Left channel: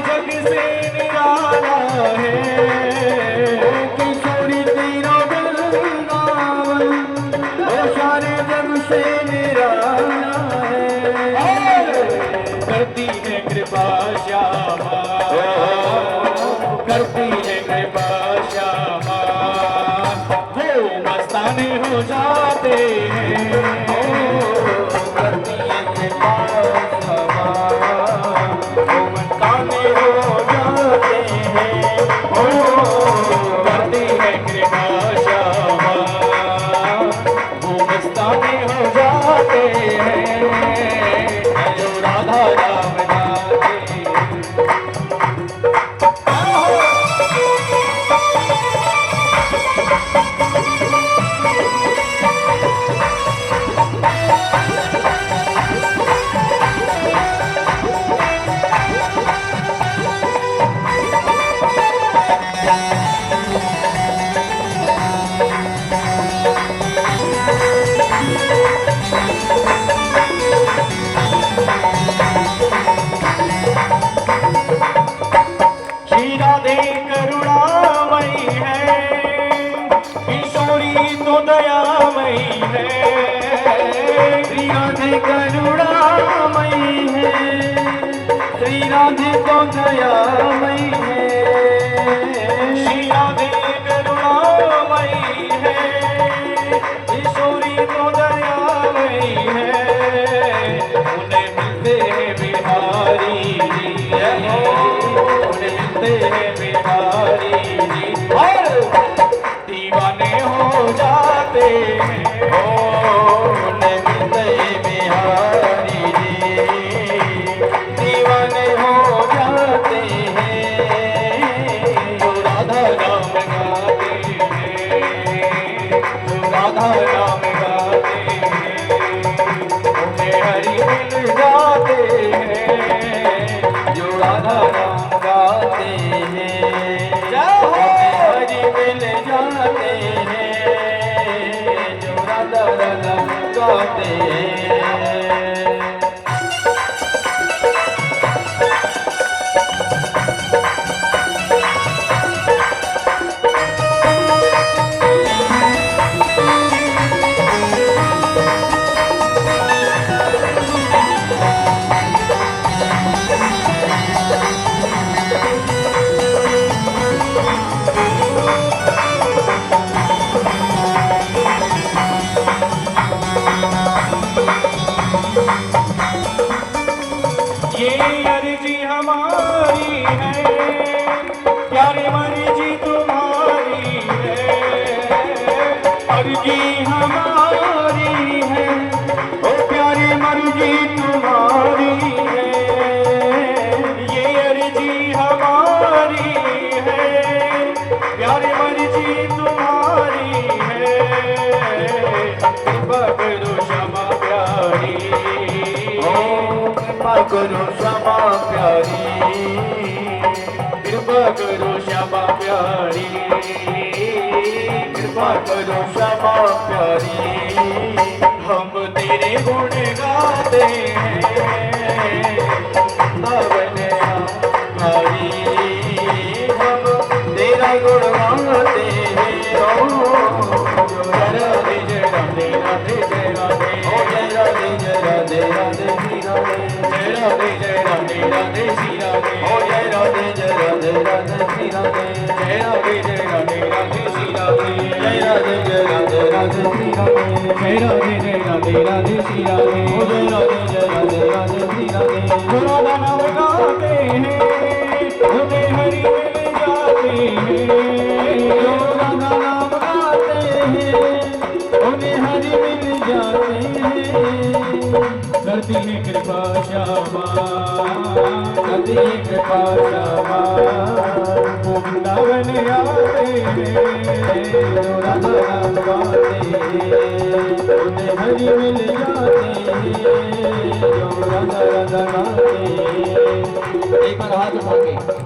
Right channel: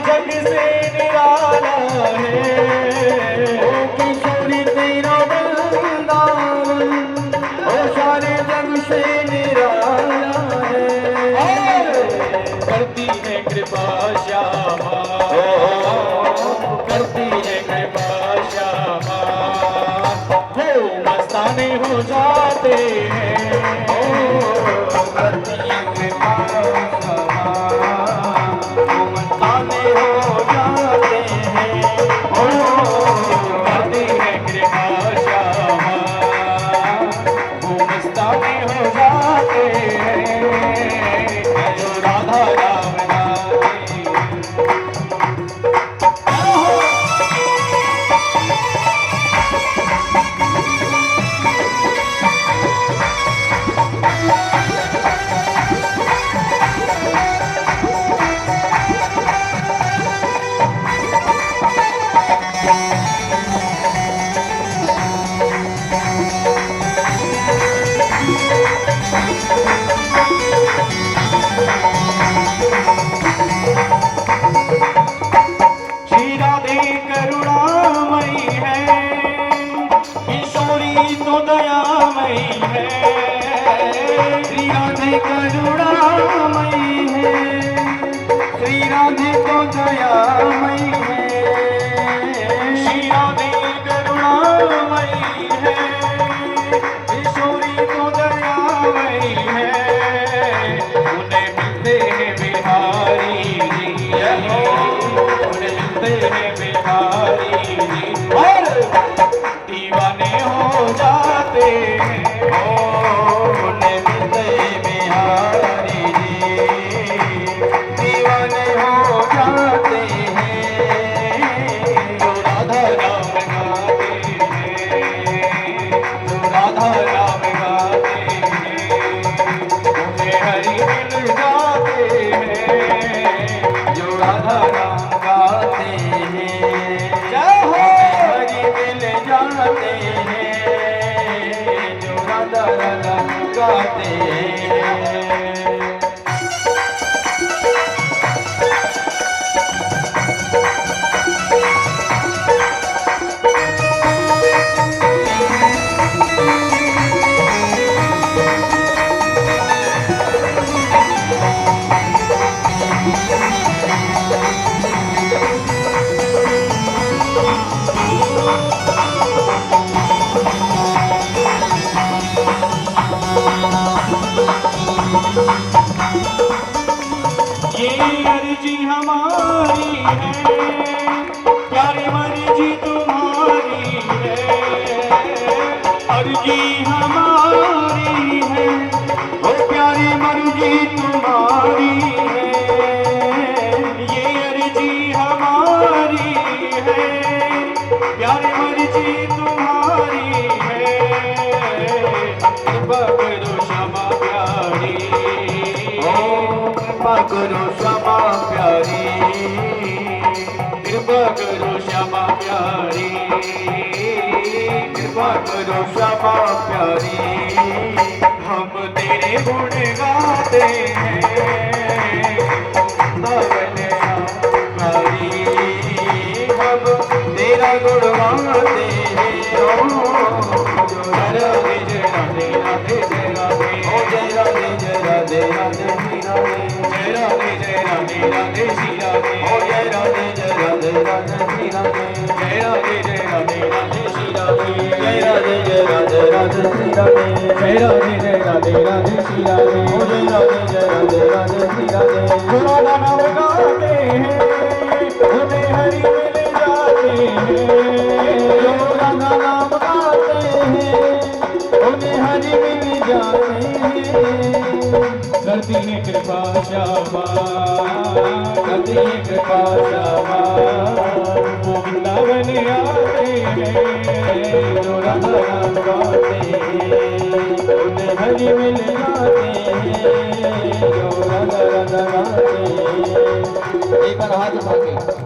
जग से निराला है, किशोरी तेरा वृंदावन ओ सारे जग से निराला है। करती है कृपा श्यामा, करती है कृपा श्यामा, वो मस्ताने हो जाते हैं। करती है कृपा श्यामा, वो मस्ताने हो जाते हैं। करती है कृपा श्यामा, वो मस्ताने हो जाते हैं। जो राधा राम गाते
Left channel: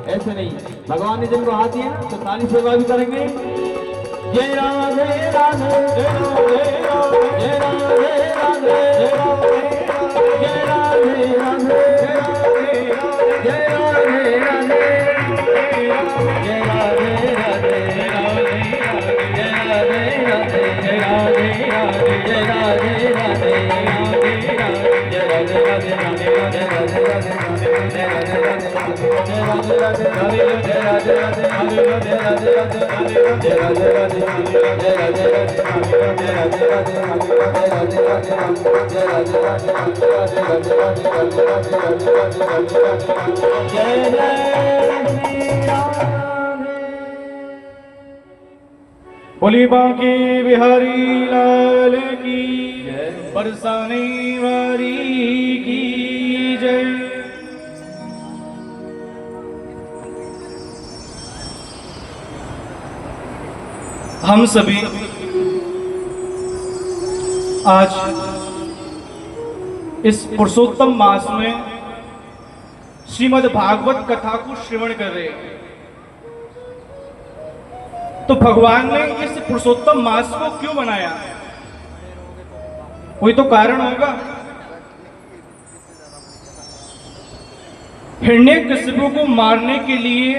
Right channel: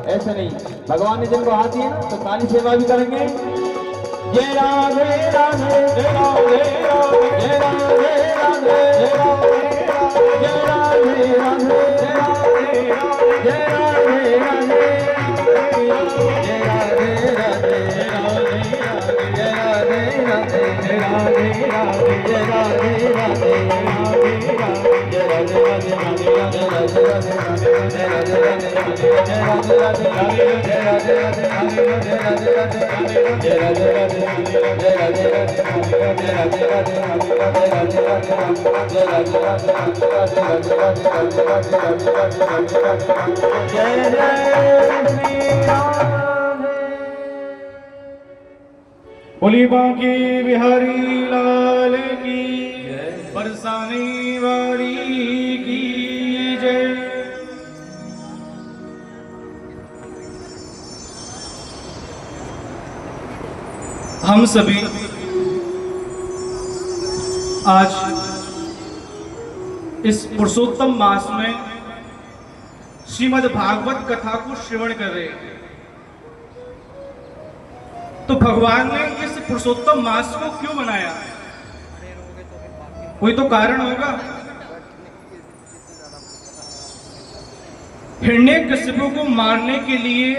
ऐसे नहीं, भगवान ने जिनको हाथ दिया तो ताली सेवा भी करेंगे। जय राधे राधे जय राधे राधे जय राधे राधे जय राधे राधे जय राधे बोली बांके बिहारी लाल की, बरसाने वाली की जय। हम सभी आज इस पुरुषोत्तम मास में श्रीमद् भागवत कथा को श्रवण कर रहे हैं। तो भगवान ने इस पुरुषोत्तम मास को क्यों बनाया? कोई तो कारण होगा। हिरण्यकशिपु को मारने के लिए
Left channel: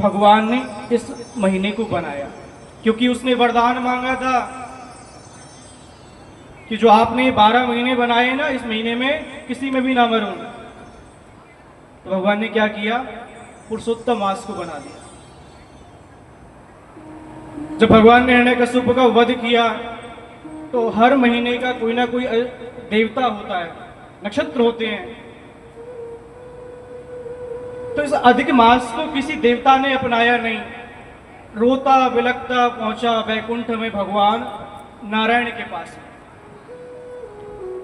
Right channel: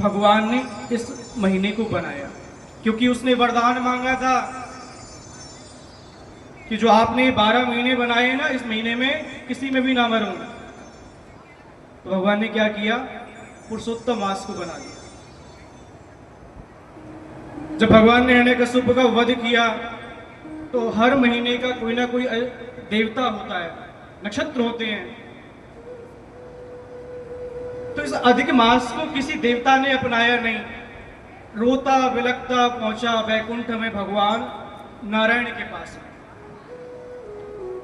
भगवान ने इस महीने को बनाया, क्योंकि उसने वरदान मांगा था कि जो आपने 12 महीने बनाए ना, इस महीने में किसी में भी ना मरूं। तो भगवान ने क्या किया? पुरुषोत्तम मास को बना दिया। जब भगवान ने हिरण्यकशिपु का वध किया तो हर महीने का कोई ना कोई देवता होता है, नक्षत्र होते हैं। तो इस अधिक मास को किसी देवता ने अपनाया नहीं। रोता बिलखता पहुंचा वैकुंठ में भगवान नारायण के पास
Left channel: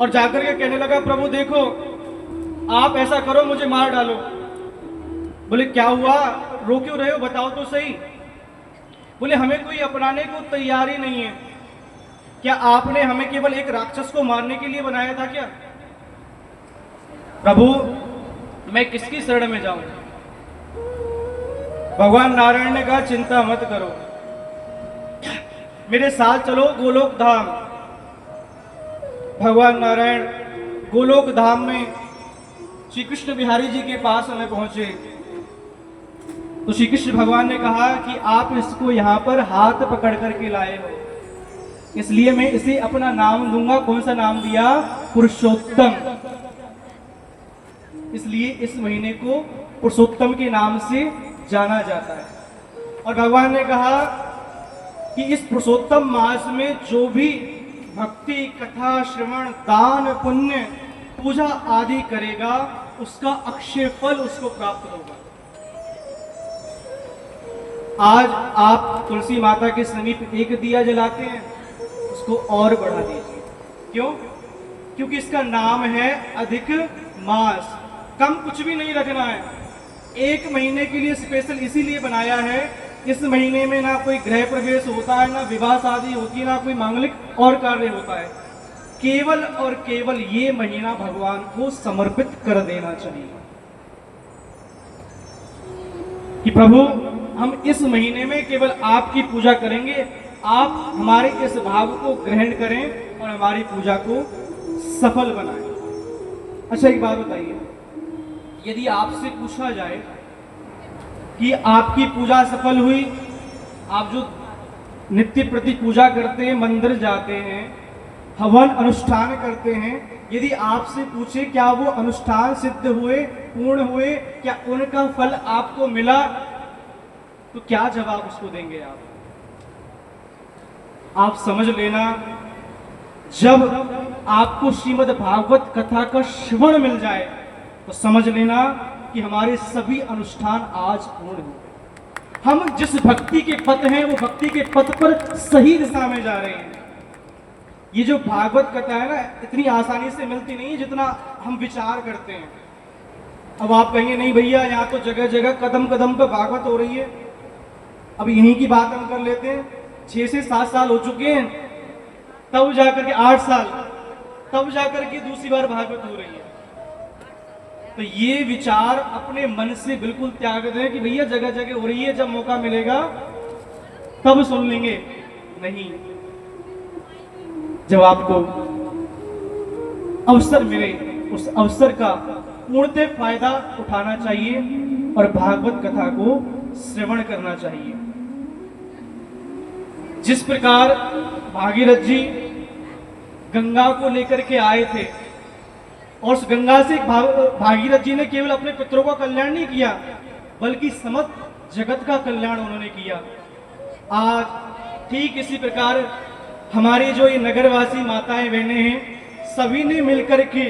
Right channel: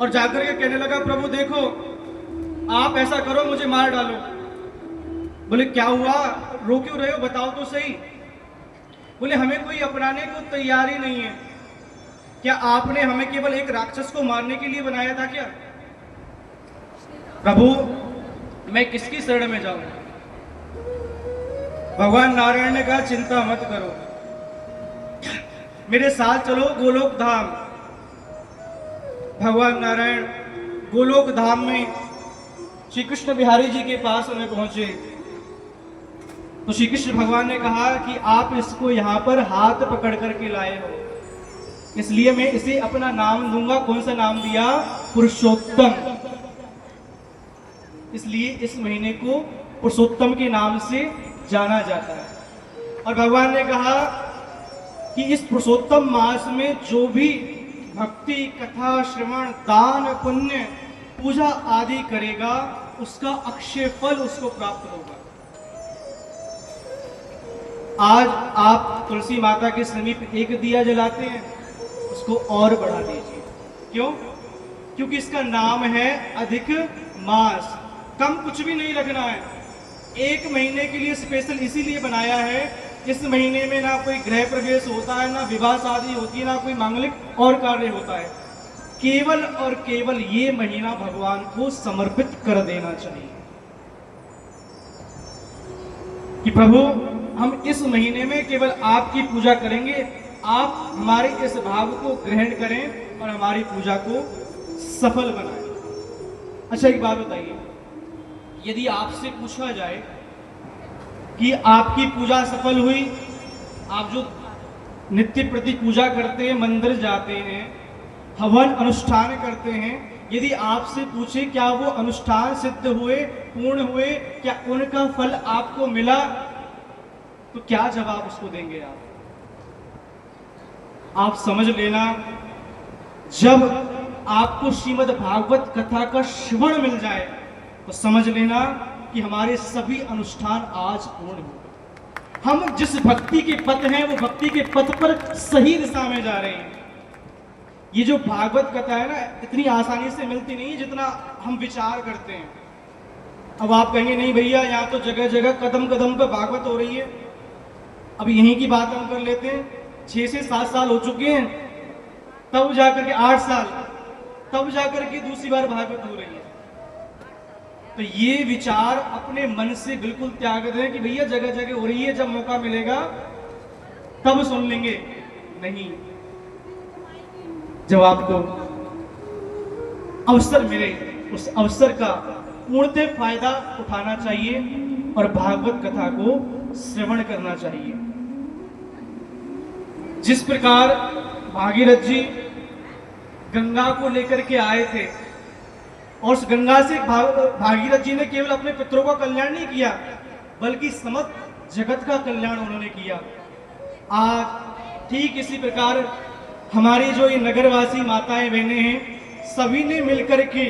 और जाकर के कहने लगा, प्रभु देखो, आप ऐसा करो, मुझे मार डालो। बोले क्या हुआ, रो क्यों रहे हो, बताओ तो सही। बोले हमें कोई अपनाने को तैयार ही नहीं है। क्या आपने हमें केवल एक राक्षस को मारने के लिए बनाया था क्या? प्रभु मैं किसकी शरण में जाऊं? भगवान नारायण ने कहा, चिंता मत करो, मेरे साथ चलो गोलोक धाम। भगवान नारायण गोलोक धाम में श्री कृष्ण बिहारी जी के पास में पहुंचे तो श्री कृष्ण भगवान ने कहा कि आप इसको यहाँ पर हाथ पकड़ करके लाए हो, इसलिए मैं इसे अपना नाम दूंगा। कौन सा नाम दिया? पुरुषोत्तम। इसलिए इस महीने को पुरुषोत्तम के नाम से जाना जाता है। और भगवान ने कहा कि इस पुरुषोत्तम मास में जो भी भक्ति, कथा, श्रवण, दान, पुण्य, पूजा आदि करेगा, उसका अक्षय फल उसको प्राप्त होगा। आज आप तुलसी माता के समीप एक दिया जलाते हैं, उसको और बढ़ा दीजिए। क्यों? क्योंकि इसका नाम है अधिक मास। कम कुछ भी नहीं रखना है। एक महीने के लिए स्पेशल इसीलिए बनाया है, इस महीने में ना कोई गृह प्रवेश होता है, ना विवाह शादी होती है, ना कोई मांगलिक और कार्य होता है। केवल और केवल ये महीना भगवान को समर्पित कर देना चाहिए कि प्रभु हम इस महीने में केवल आपकी पूजा करेंगे, आप हमारे इस भाव को ग्रहण करें और हमारी पूजा को सफल बनाएं। अच्छा एक बात बताइए, यदि आपसे पूछा जाए कि आपकी पूजा सफल हुई, आप जो नित्य प्रति पूजा करते हैं, मंदिर जाते हैं, हवन अनुष्ठान करते हैं, यदि आपसे पूछे क्या वो अनुष्ठान सिद्ध हुए, पूर्ण हुए, क्या उनका फल आपको मिला, तो क्या जवाब उसको देंगे आप? आप समझ लेना, जब आपको श्रीमद् भागवत कथा का श्रवण मिल जाए तो समझ लेना कि हमारे सभी अनुष्ठान आज पूर्ण हुए। हम जिस भक्ति के पथ हैं, वो भक्ति के पथ पर सही दिशा में जा रहे हैं। ये जो भागवत कथा है ना, इतनी आसानी से मिलती नहीं है जितना हम विचार करते हैं। अब आप कहेंगे नहीं भैया, यहाँ तो जगह जगह कदम कदम पर भागवत हो रही है। अब यहीं की बात हम कर लेते हैं। 6 से 7 साल हो चुके हैं, तब जाकर के 8 साल, तब जाकर के दूसरी बार भागवत हो रही है। तो ये विचार अपने मन से बिल्कुल त्याग दें कि भैया जगह जगह हो रही है, जब मौका मिलेगा तब सुन लेंगे। नहीं, जब आपको अवसर मिले उस अवसर का पूर्णतः फायदा उठाना चाहिए और भागवत कथा को श्रवण करना चाहिए। जिस प्रकार भागीरथ जी गंगा को लेकर के आए थे और उस गंगा से भागीरथ जी ने केवल अपने पितरों का कल्याण नहीं किया बल्कि समस्त जगत का कल्याण उन्होंने किया। आज ठीक इसी प्रकार हमारी जो ये नगरवासी माताएं बहनें हैं, सभी ने मिलकर के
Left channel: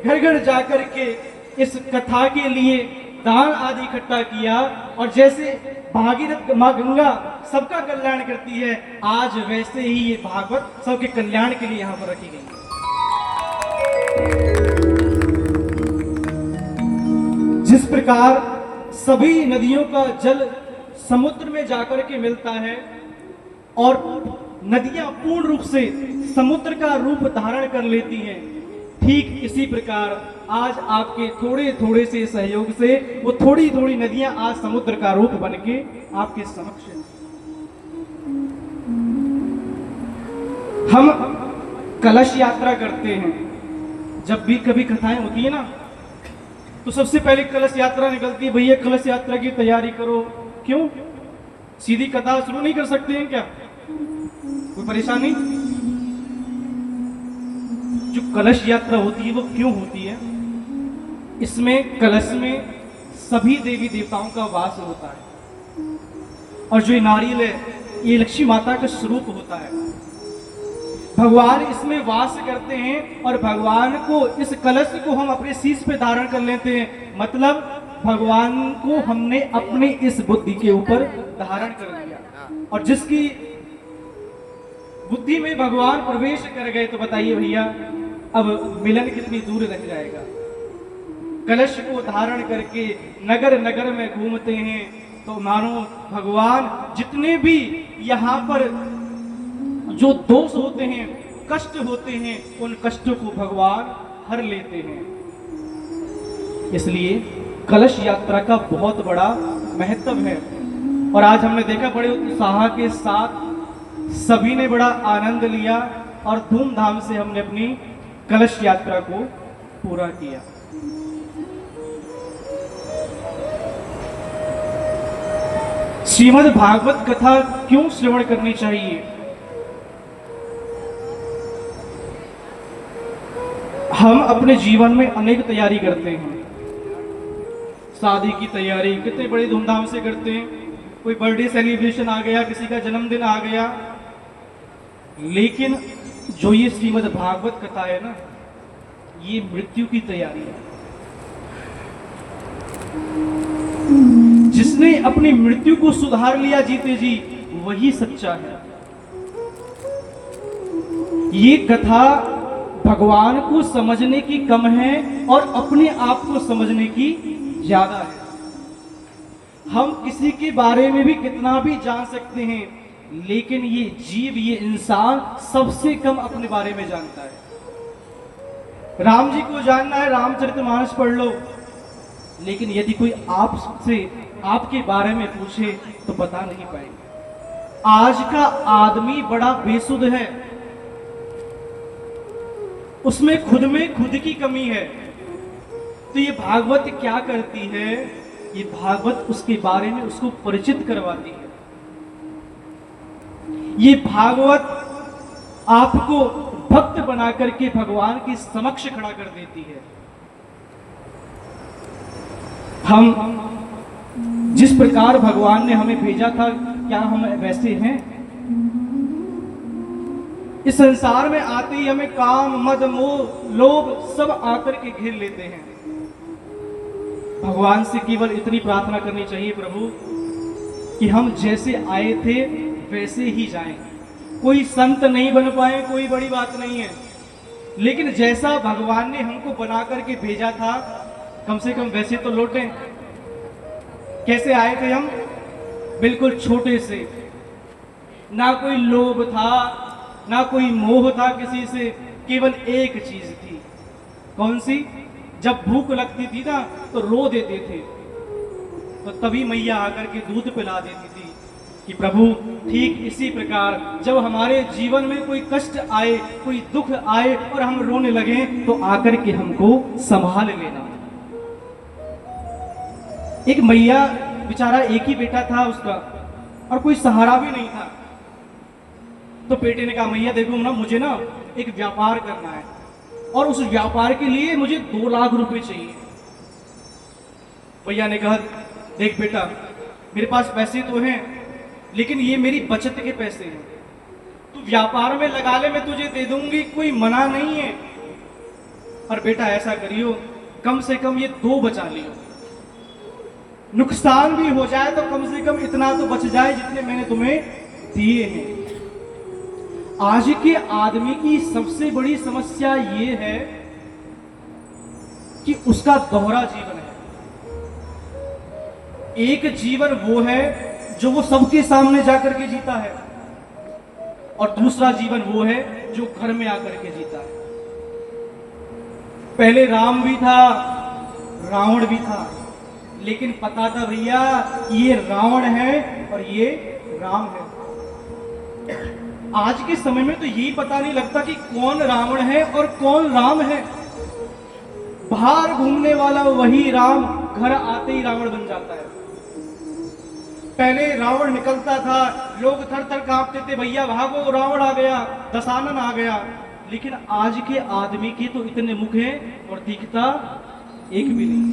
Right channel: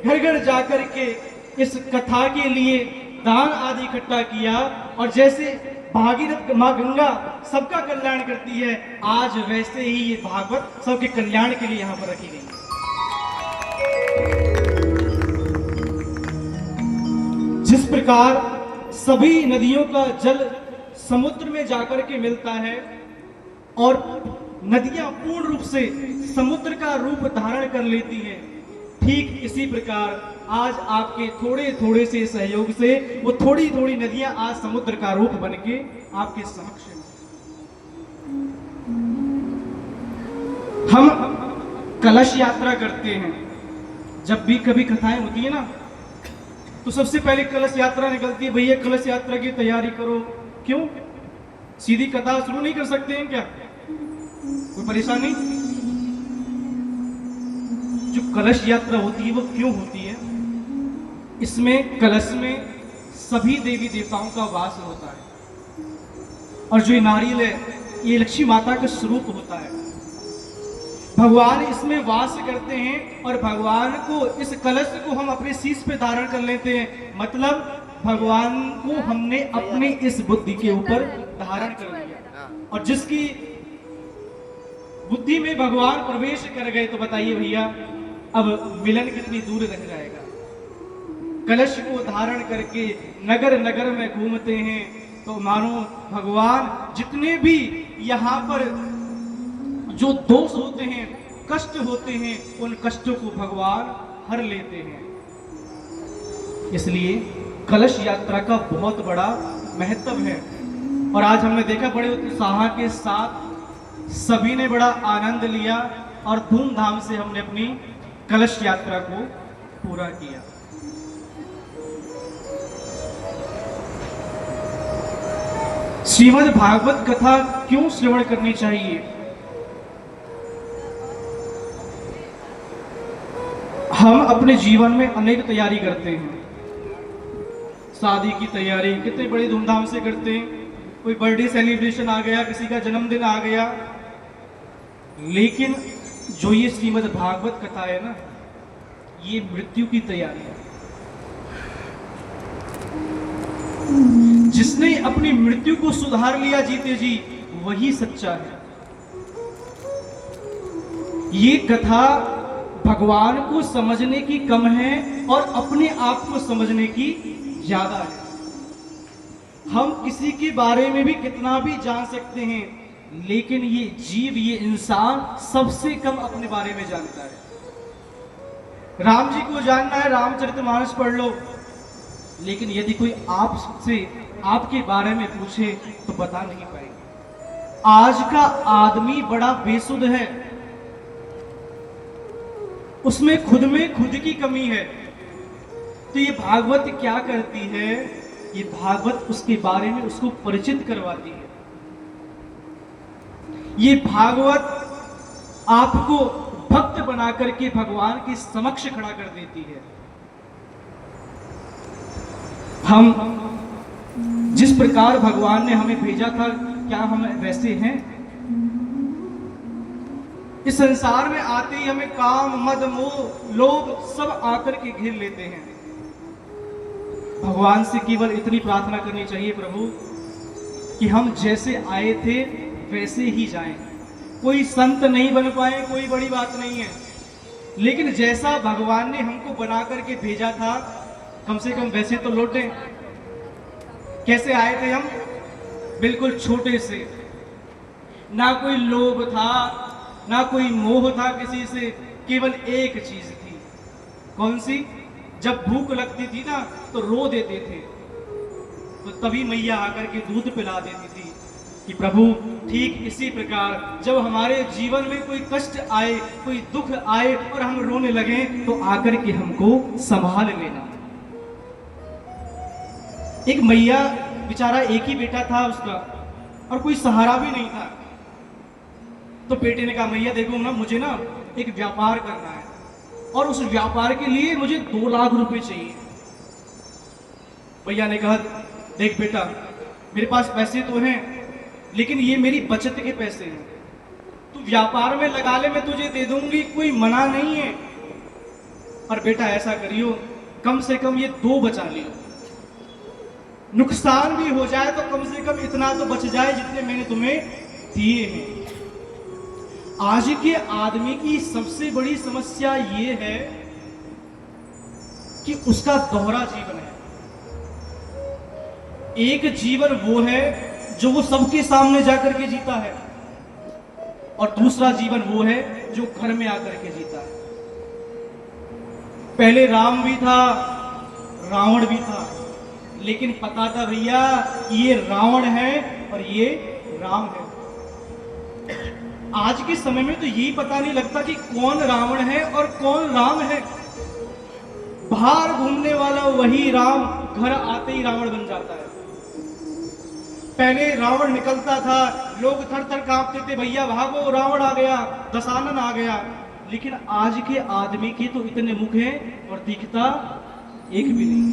घर घर जाकर के इस कथा के लिए दान आदि इकट्ठा किया और जैसे भागीरथ माँ गंगा सबका कल्याण करती है, आज वैसे ही ये भागवत सबके कल्याण के लिए यहाँ पर रखी गई है। जिस प्रकार सभी नदियों का जल समुद्र में जाकर के मिलता है और नदियां पूर्ण रूप से समुद्र का रूप धारण कर लेती हैं, ठीक इसी प्रकार आज आपके थोड़े थोड़े से सहयोग से वो थोड़ी थोड़ी नदियां आज समुद्र का रूप बन के आपके समक्ष हैं। हम कलश यात्रा करते हैं, जब भी कभी कथाएं होती है ना तो सबसे पहले कलश यात्रा निकलती है, भैया कलश यात्रा की तैयारी करो। क्यों? सीधी कथा शुरू नहीं कर सकते हैं क्या? कोई परेशानी? जो कलश यात्रा होती है वो क्यों होती है? इसमें कलश में सभी देवी देवताओं का वास होता है और जो नारियल है ये लक्ष्मी माता का स्वरूप होता है। भगवान इसमें वास करते हैं और भगवान को इस कलश को हम अपने शीश पे धारण कर लेते हैं, मतलब भगवान को हमने अपनी इस बुद्धि के ऊपर धारण कर लिया और जिसकी बुद्धि में भगवान प्रवेश कर गए तो बताइए भैया अब मिलन कितनी दूर रह जाएगा। कलश को धारण करके नगर नगर में घूमते हैं तो मानो भगवान जितने भी यहाँ पर जो दोष होते हैं, कष्ट होते हैं, उन कष्टों को भगवान हर लेते हैं। इसलिए कलश यात्रा का बहुत बड़ा महत्व है और आज हमने देखा बड़े उत्साह के साथ सभी ने बड़ा आनंद लिया और धूमधाम से हमने अपनी कलश यात्रा को पूरा किया। श्रीमद् भागवत कथा क्यों श्रवण करनी चाहिए? हम अपने जीवन में अनेक तैयारी करते हैं, शादी की तैयारी कितने बड़ी धूमधाम से करते हैं, कोई बर्थडे सेलिब्रेशन आ गया, किसी का जन्मदिन आ गया, लेकिन जो ये श्रीमद् भागवत कथा है ना, ये मृत्यु की तैयारी है। जिसने अपनी मृत्यु को सुधार लिया जीते जी, वही सच्चा है। ये कथा भगवान को समझने की कम है और अपने आप को समझने की ज्यादा है। हम किसी के बारे में भी कितना भी जान सकते हैं, लेकिन ये जीव, ये इंसान सबसे कम अपने बारे में जानता है। राम जी को जानना है, रामचरितमानस पढ़ लो, लेकिन यदि कोई आपसे आपके बारे में पूछे तो बता नहीं पाएगा। आज का आदमी बड़ा बेसुध है, उसमें खुद में खुद की कमी है। तो ये भागवत क्या करती है? ये भागवत उसके बारे में उसको परिचित करवाती है। ये भागवत आपको भक्त बना करके भगवान के समक्ष खड़ा कर देती है। हम जिस प्रकार भगवान ने हमें भेजा था, क्या हम वैसे हैं? इस संसार में आते ही हमें काम, मद, मोह, लोभ सब आकर के घेर लेते हैं। भगवान से केवल इतनी प्रार्थना करनी चाहिए, प्रभु, कि हम जैसे आए थे वैसे ही जाएं। कोई संत नहीं बन पाए, कोई बड़ी बात नहीं है, लेकिन जैसा भगवान ने हमको बना करके भेजा था, कम से कम वैसे तो लौटें। कैसे आए थे हम? बिल्कुल छोटे से, ना कोई लोभ था, ना कोई मोह था किसी से, केवल एक चीज थी। कौन सी? जब भूख लगती थी ना तो रो देते थे, तो तभी मैया आकर के दूध पिला देती थी। कि प्रभु ठीक इसी प्रकार जब हमारे जीवन में कोई कष्ट आए, कोई दुख आए और हम रोने लगे तो आकर के हमको संभाल लेना। एक मैया बेचारा एक ही बेटा था उसका और कोई सहारा भी नहीं था। तो बेटे ने कहा मैया देखो ना, मुझे ना एक व्यापार करना है और उस व्यापार के लिए मुझे 2 लाख रुपए चाहिए। भैया ने कहा देख बेटा, मेरे पास पैसे तो हैं लेकिन ये मेरी बचत के पैसे हैं, तू व्यापार में लगा ले, मैं तुझे दे दूंगी, कोई मना नहीं है। पर बेटा ऐसा करियो, कम से कम ये 2 बचा लियो, नुकसान भी हो जाए तो कम से कम इतना तो बच जाए जितने मैंने तुम्हें दिए हैं। आज के आदमी की सबसे बड़ी समस्या ये है कि उसका दोहरा जीवन है। एक जीवन वो है जो वो सबके सामने जाकर के जीता है और दूसरा जीवन वो है जो घर में आकर के जीता है। पहले राम भी था, रावण भी था, लेकिन पता था भैया ये रावण है और ये राम है। आज के समय में तो यही पता नहीं लगता कि कौन रावण है और कौन राम है। बाहर घूमने वाला वही राम घर आते ही रावण बन जाता है। पहले रावण निकलता था, लोग थर थर कांपते थे, भैया भागो रावण आ गया, दशानन आ गया। लेकिन आज के आदमी के तो इतने मुख हैं और दिखता एक भी नहीं।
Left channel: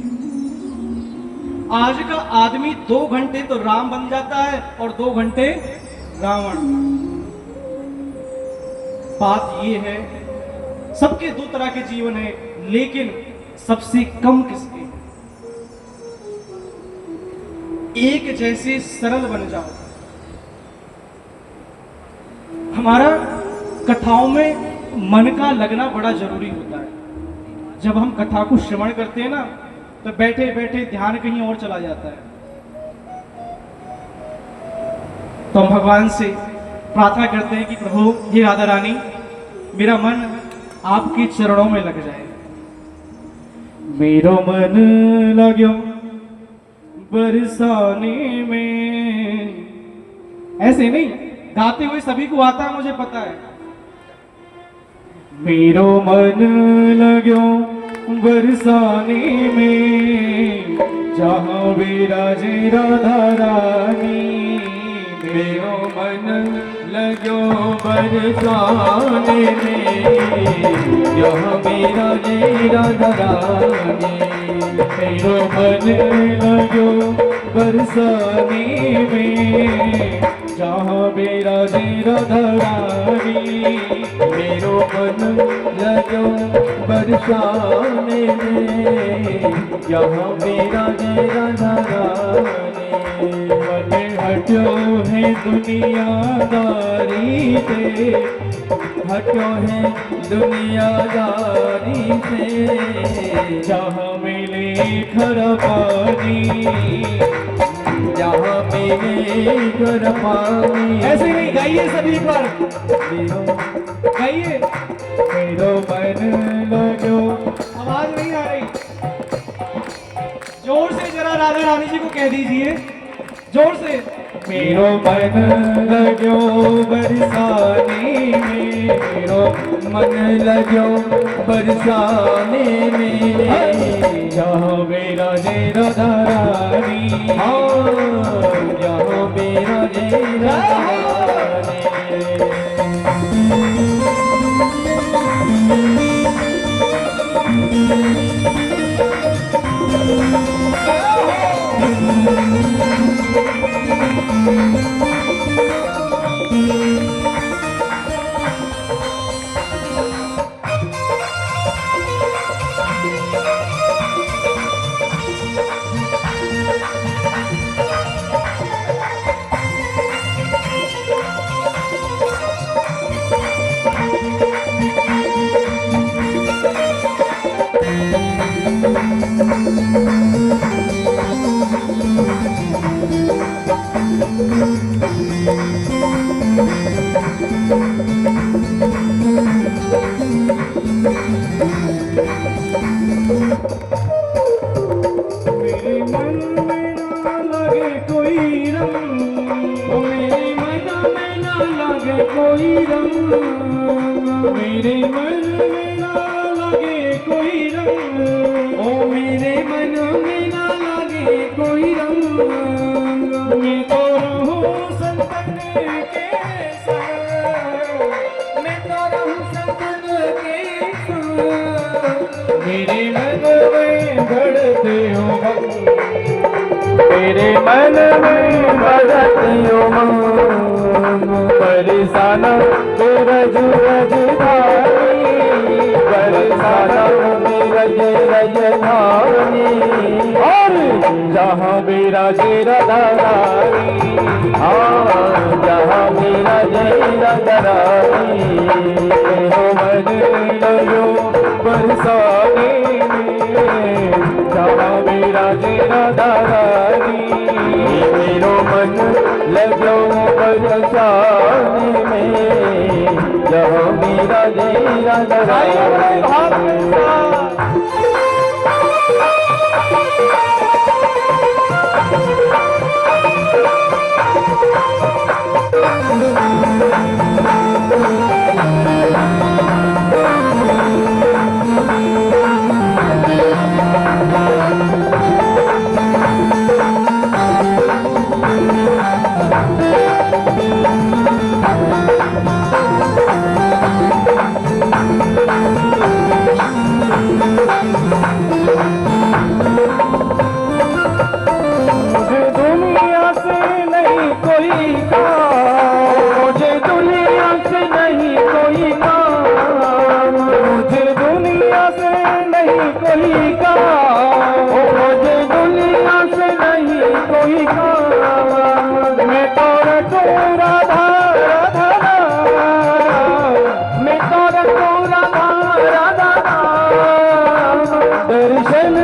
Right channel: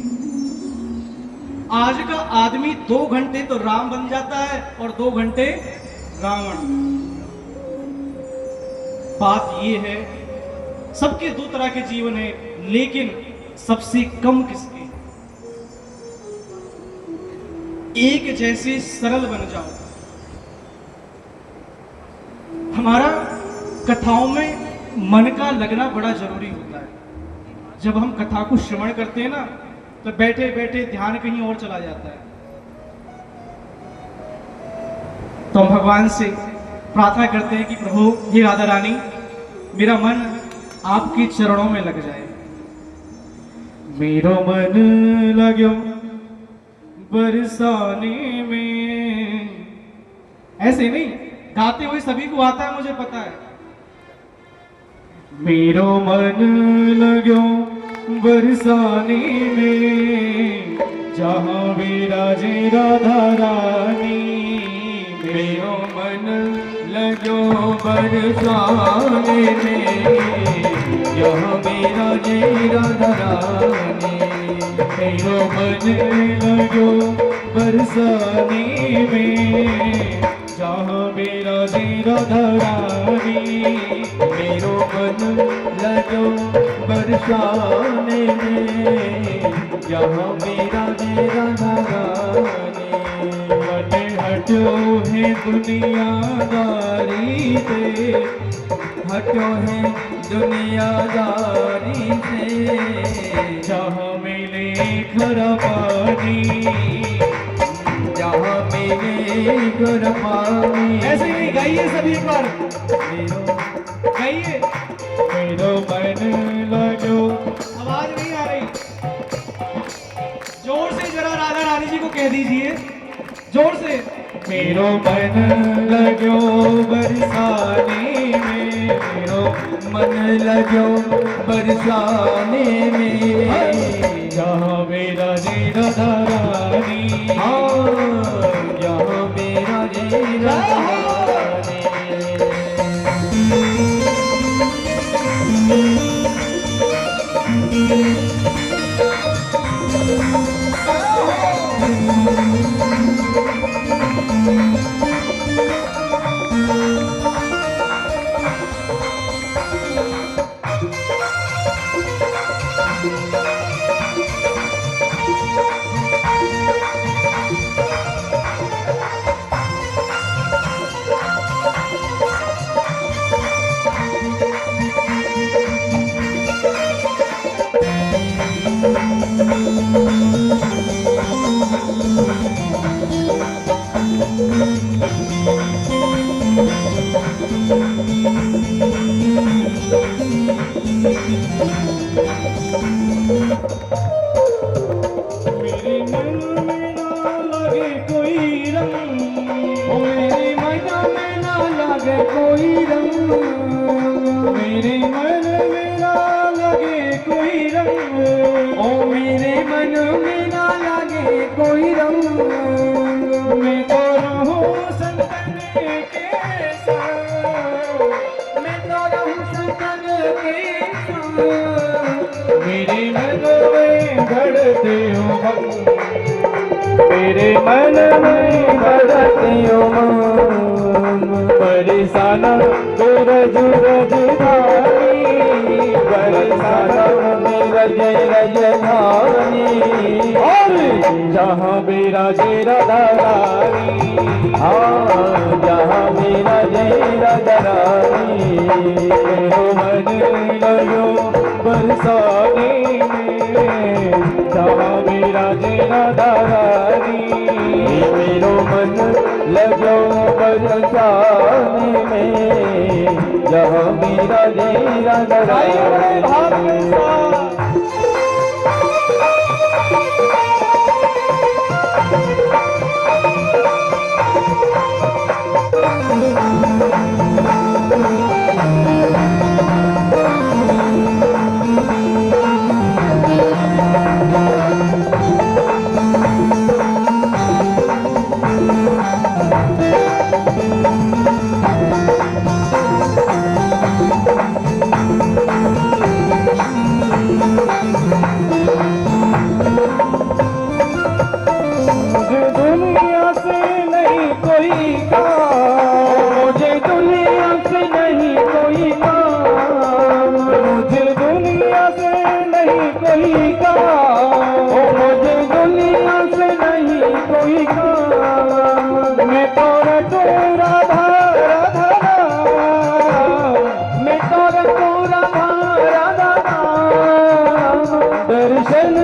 आज का आदमी 2 घंटे तो राम बन जाता है और 2 घंटे रावण। बात ये है सबके 2 तरह के जीवन है, लेकिन सबसे कम किसके? एक जैसे सरल बन जाओ। हमारा कथाओं में मन का लगना बड़ा जरूरी होता है। जब हम कथा को श्रवण करते हैं ना तो बैठे बैठे ध्यान कहीं और चला जाता है। तो हम भगवान से प्रार्थना करते हैं कि प्रभु हे राधा रानी, मेरा मन आपके चरणों में लग जाए। मेरो मन लग्यो बरसाने में। ऐसे नहीं, गाते हुए सभी को आता है, मुझे पता है। मेरो मन लग्यो बरसाने में, जहाँ विराजे राधा रानी। मेरो मन लग्यो बरसाने में, जहाँ विराजे राधा रानी। मेरो मन लग्यो बरसाने में, जहाँ विराजे राधा रानी। मेरो मन लग्यो बरसाने में, जहाँ विराजे राधा रानी। मन हटो है दुनियादारी से, हटो है दुनियादारी से। जहाँ मिले खरा पानी, जहाँ मिले खरा पानी। ऐसे नहीं, गाइए सभी एक बार, गाइए। मेरो मन लग्यो। आवाज नहीं आ रही, जोर से जरा राधा रानी जी को कह दीजिए, जोर से। मेरो मन लग्यो बरसाने में, मेरो मन लग्यो बरसाने में, जहाँ मेरा राधा रानी। जहाँ मेरा राधा रानी। मेरे मन में ना लगे कोई रंग, मेरे लगे कोई रंग, मेरे मन में ना लगे कोई रंग, ओ मेरे मन में ना लगे कोई रंग, मैं तो रहूं संतन के संग, मैं तो रहूं संतन के संग, मेरे मन में बढ़ते हो भक्त, मेरे मन में बढ़ते हो उमंग, बरसाना के रज रज धानी, बरसाना के रज रज धानी, और जहाँ मेरा जेरा दरानी, हाँ जहाँ मेरा जेरा दरानी, हो मन लगो बरसाने में, जहाँ मेरा जेरा दरानी, मेरो मन लगो बरसाने में, जहाँ मेरा जेरा दरानी। मुझे दुनिया से नहीं कोई काम, मुझे दुनिया से नहीं कोई काम, मुझे दुनिया से नहीं कोई काम, मुझे दुनिया से नहीं कोई काम, मैं तो रटू राधा राधा, मैं तो रटू राधा राधा, दर्शन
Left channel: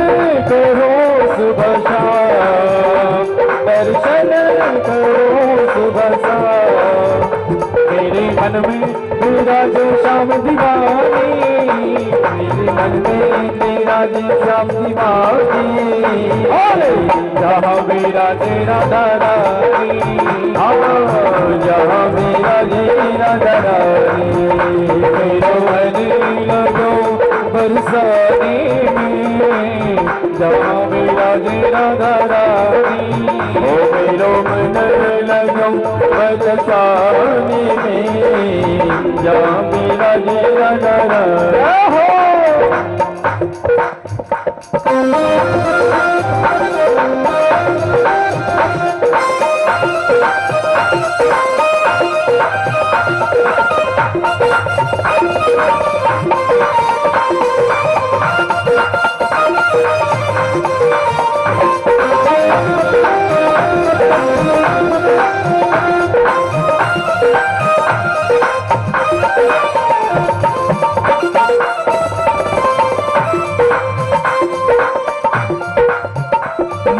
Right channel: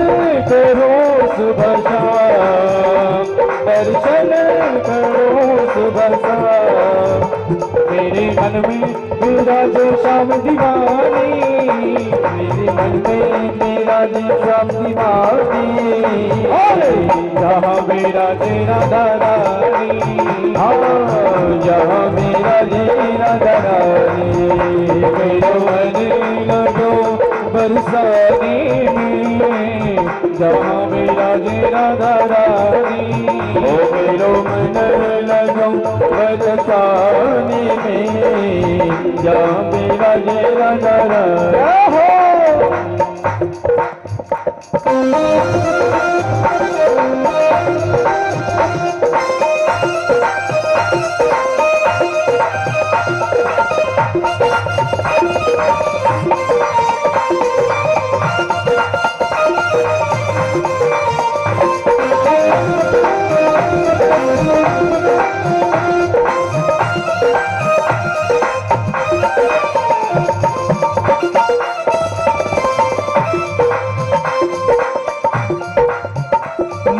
करो सुबह शाम, दर्शन करो सुबह शाम, मेरे मन में तेरा जो श्याम दीवानी, मेरे मन में तेरा जो श्याम दीवानी, जहाँ मेरा तेरा दरानी, हाँ जहाँ मेरा तेरा दरानी, मेरे मन लगो बरसाने में, जहाँ मेरा तेरा दरानी, ओ मेरो मन लगो बरसाने में, जहाँ मेरा तेरा दरानी।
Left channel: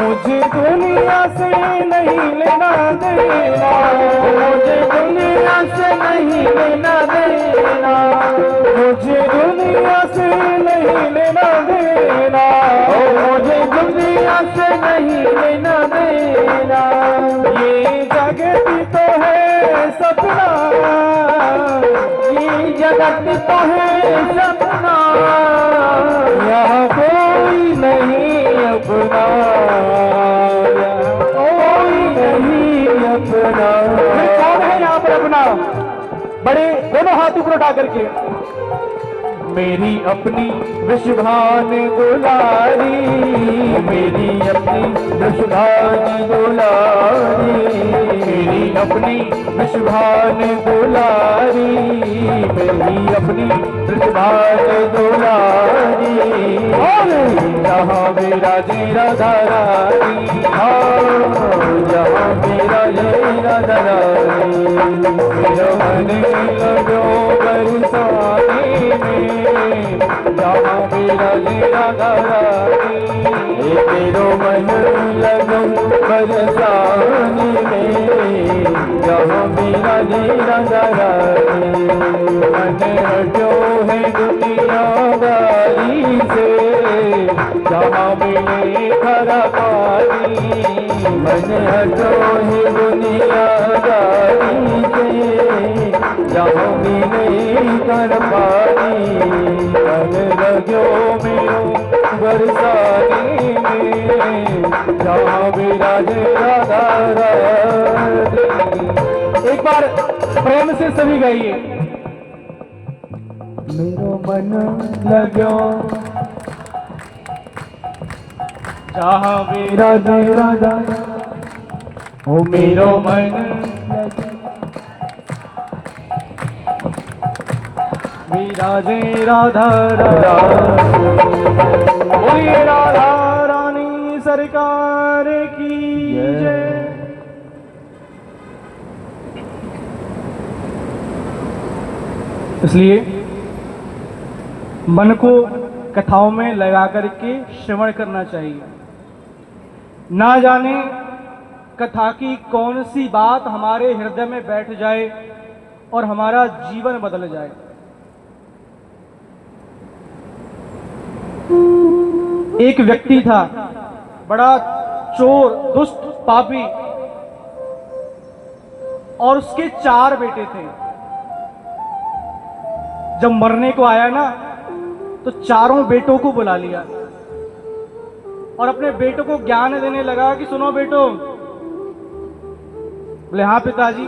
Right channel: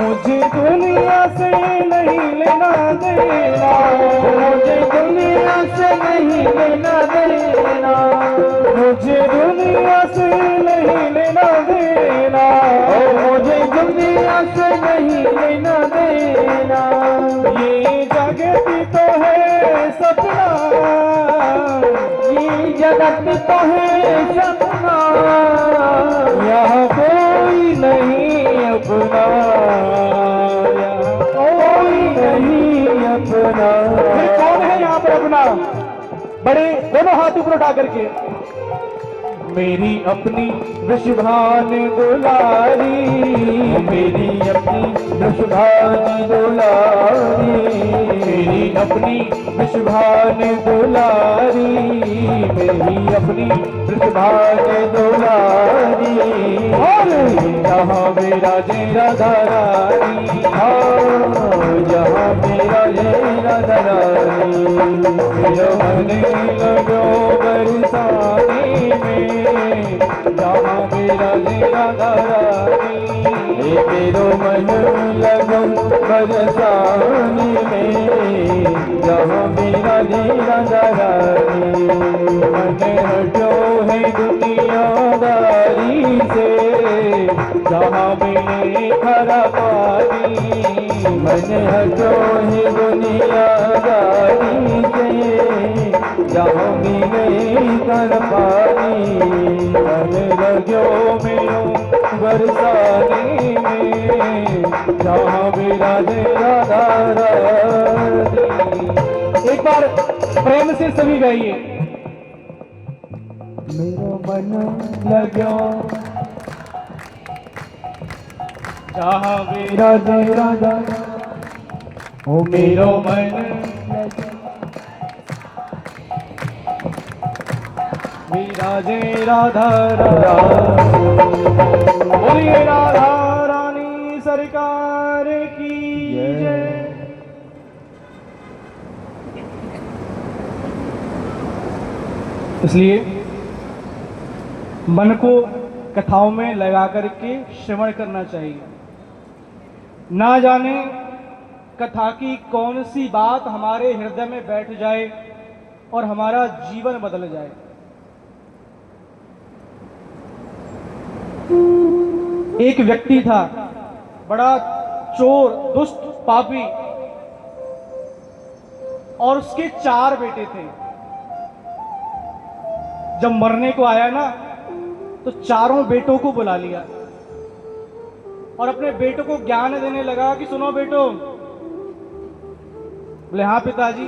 मुझे दुनिया से नहीं लेना देना, मुझे दुनिया से नहीं लेना देना, मुझे दुनिया से नहीं लेना देना, मुझे दुनिया से नहीं लेना देना, ये जगत तो है सपना, ये जगत तो है सपना, यहाँ कोई नहीं अपना, कौन है यहाँ पर अपना? बड़े दोनों हाथ ऊपर उठा करके, मेरी अपनी वृषभान दुलारी, मेरी अपनी वृषभान दुलारी, मेरी अपनी वृषभान दुलारी, मेरी अपनी वृषभान दुलारी, जहाँ मेरा जेरा दरानी, जहाँ मेरा जेरा दरानी, मेरा मन लगो बरसाने में, जहाँ मेरा जेरा दरानी, मेरो मन लगो बरसाने में, जहाँ मेरा जेरा दरानी, मन हटो है दुनियादारी से, जहाँ मिले खरा पानी, मन हटो है दुनियादारी से, जहाँ मिले कर पानी रजो मेरो बरसाने में जहाँ विराजे राधा रानी। एक बार प्रेम से सभी गाइए। मेरो मन लगो जहाँ विराजे राधा, ओ मेरो मन विराजे राधा रानी। बोलिए राधा रानी सरकार की जय। इसलिए मन को कथाओं में लगा करके श्रवण करना चाहिए। ना जाने कथा की कौन सी बात हमारे हृदय में बैठ जाए और हमारा जीवन बदल जाए। एक व्यक्ति था, बड़ा चोर, दुष्ट, पापी, और उसके 4 बेटे थे। जब मरने को आया ना, तो चारों बेटों को बुला लिया और अपने बेटों को ज्ञान देने लगा कि सुनो बेटो। बोले हाँ पिताजी,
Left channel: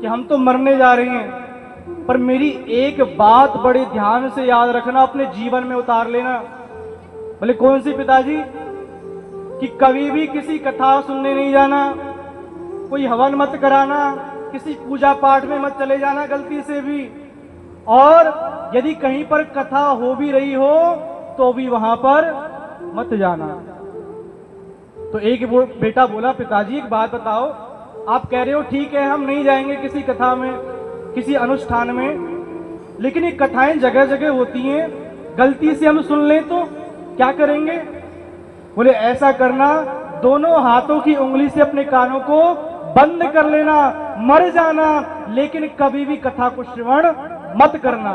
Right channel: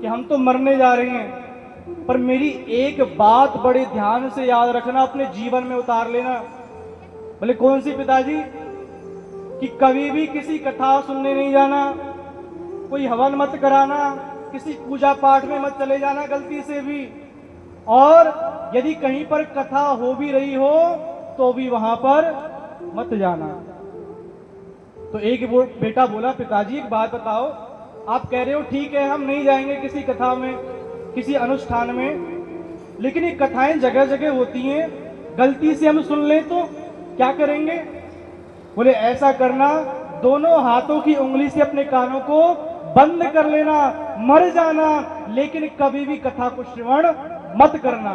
कि हम तो मरने जा रहे हैं, पर मेरी एक बात बड़े ध्यान से याद रखना, अपने जीवन में उतार लेना। बोले कौन सी पिताजी? कि कभी भी किसी कथा सुनने नहीं जाना, कोई हवन मत कराना, किसी पूजा पाठ में मत चले जाना गलती से भी, और यदि कहीं पर कथा हो भी रही हो तो भी वहां पर मत जाना। तो एक बेटा बोला पिताजी एक बात बताओ, आप कह रहे हो ठीक है हम नहीं जाएंगे किसी कथा में, किसी अनुष्ठान में, लेकिन ये कथाएं जगह जगह होती हैं, गलती से हम सुन लें तो क्या करेंगे? बोले ऐसा करना, दोनों हाथों की उंगली से अपने कानों को बंद कर लेना, मर जाना, लेकिन कभी भी कथा को श्रवण मत करना।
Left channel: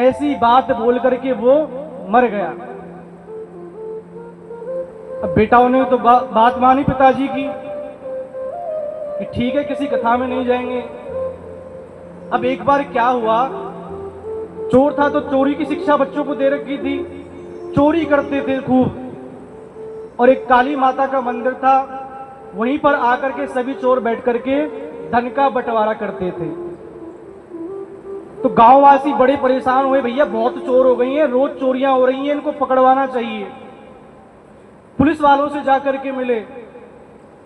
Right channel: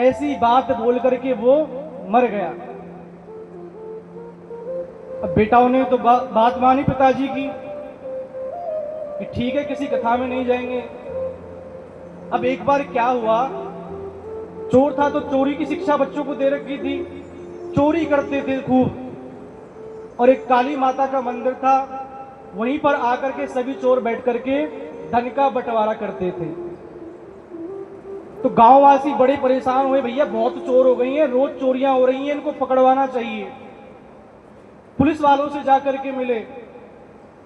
ऐसी बात बोल करके वो मर गया। अब बेटाओं ने तो बात मानी पिताजी की कि ठीक है किसी कथा में नहीं जाएंगे। अब एक बार क्या हुआ, चोर था तो चोरी की शिक्षा बच्चों को दे रखी थी, चोरी करते थे खूब, और एक काली माता का मंदिर था, वहीं पर आकर के सभी चोर बैठ करके धन का बंटवारा करते थे। तो गांववासी बड़े परेशान हुए, भैया बहुत चोर हो गई हैं, रोज चोरियां हो रही हैं, इनको पकड़वाना चाहिए। पुलिस वालों से जाकर के मिले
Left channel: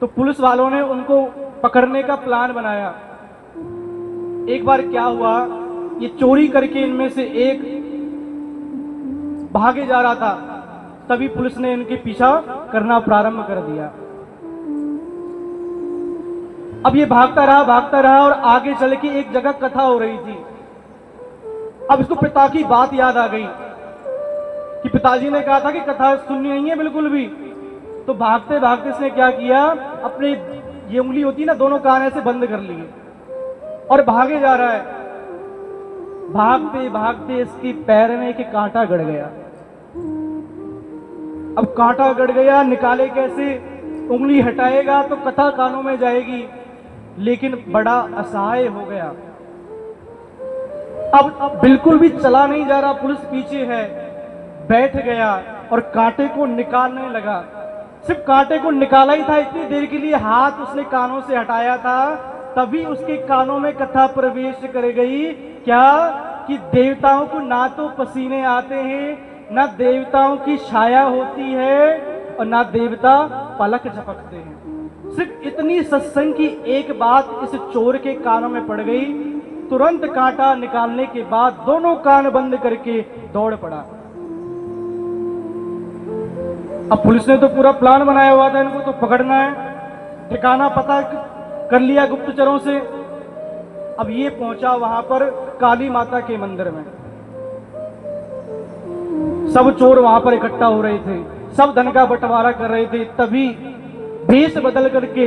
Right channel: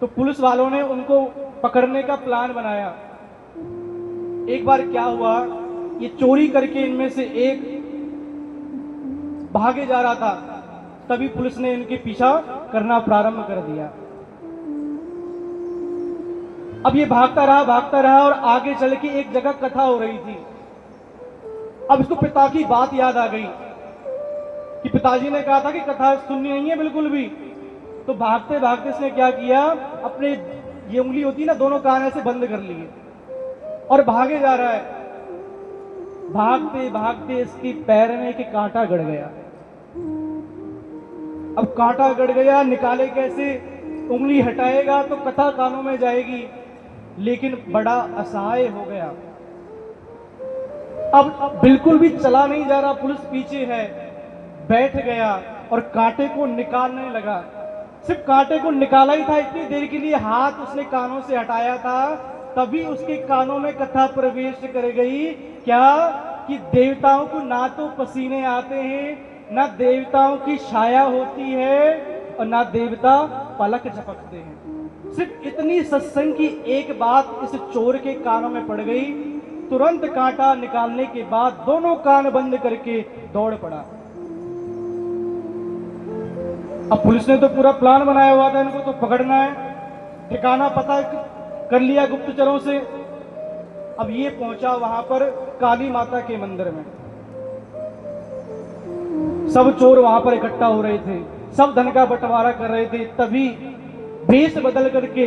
तो पुलिस वालों ने उनको पकड़ने का प्लान बनाया। एक बार क्या हुआ, ये चोरी करके इनमें से एक भागे जा रहा था, तभी पुलिस ने इनके पीछा करना प्रारंभ कर दिया। अब ये भागता रहा और आगे चल के एक जगह कथा हो रही थी। अब इसको पिता की बात याद आ गई कि पिताजी ने कहा था कि कथा सुननी नहीं है बिल्कुल भी। तो भागते भागते इसने क्या किया, अपने ये उंगली होती है ना, दोनों कान ऐसे बंद कर लिए और भागे जा रहा है। भागते भागते इसके पैर में एक कांटा गड़ गया। अब कांटा गड़ गया, निकाले कैसे, उंगली हटाएगा तो कथा कानों में जाएगी, लेकिन बड़ा असहाय हो गया। अब बिल्कुल भी चला नहीं जा रहा, पुलिस पीछे है, बैठ गया और कांटे को निकालने लगा। सिर्फ कांटे को निकाला ही था, इतनी देर के लिए हाथ उसने कानों से हटाया था, तभी उसके कानों में कथा प्रवेश कर गई। क्या कि देवताओं को ना तो पसीने आते हैं, ना देवताओं की छाया होती है, और ना देवता पलक झपकते हैं। सिर्फ इतनी सत्संग की एक बात इस चोर के कानों में पड़ गई। तुरंत कांटा निकालने के बाद दोनों कान बंद करके दौड़ पड़ा। अब पुलिस ने तो पूरा प्लान बनाया हुआ था, इनको तो पकड़ना है, ठिकाना पता कर लिया गुप्तचरों से। अब ये पहुंचा वहां पर काली माता के मंदिर में। सब चोर वहां पर इकट्ठा हो रहे थे, सब धन का बंटवारा कर रहे थे। तभी भेष बदल करके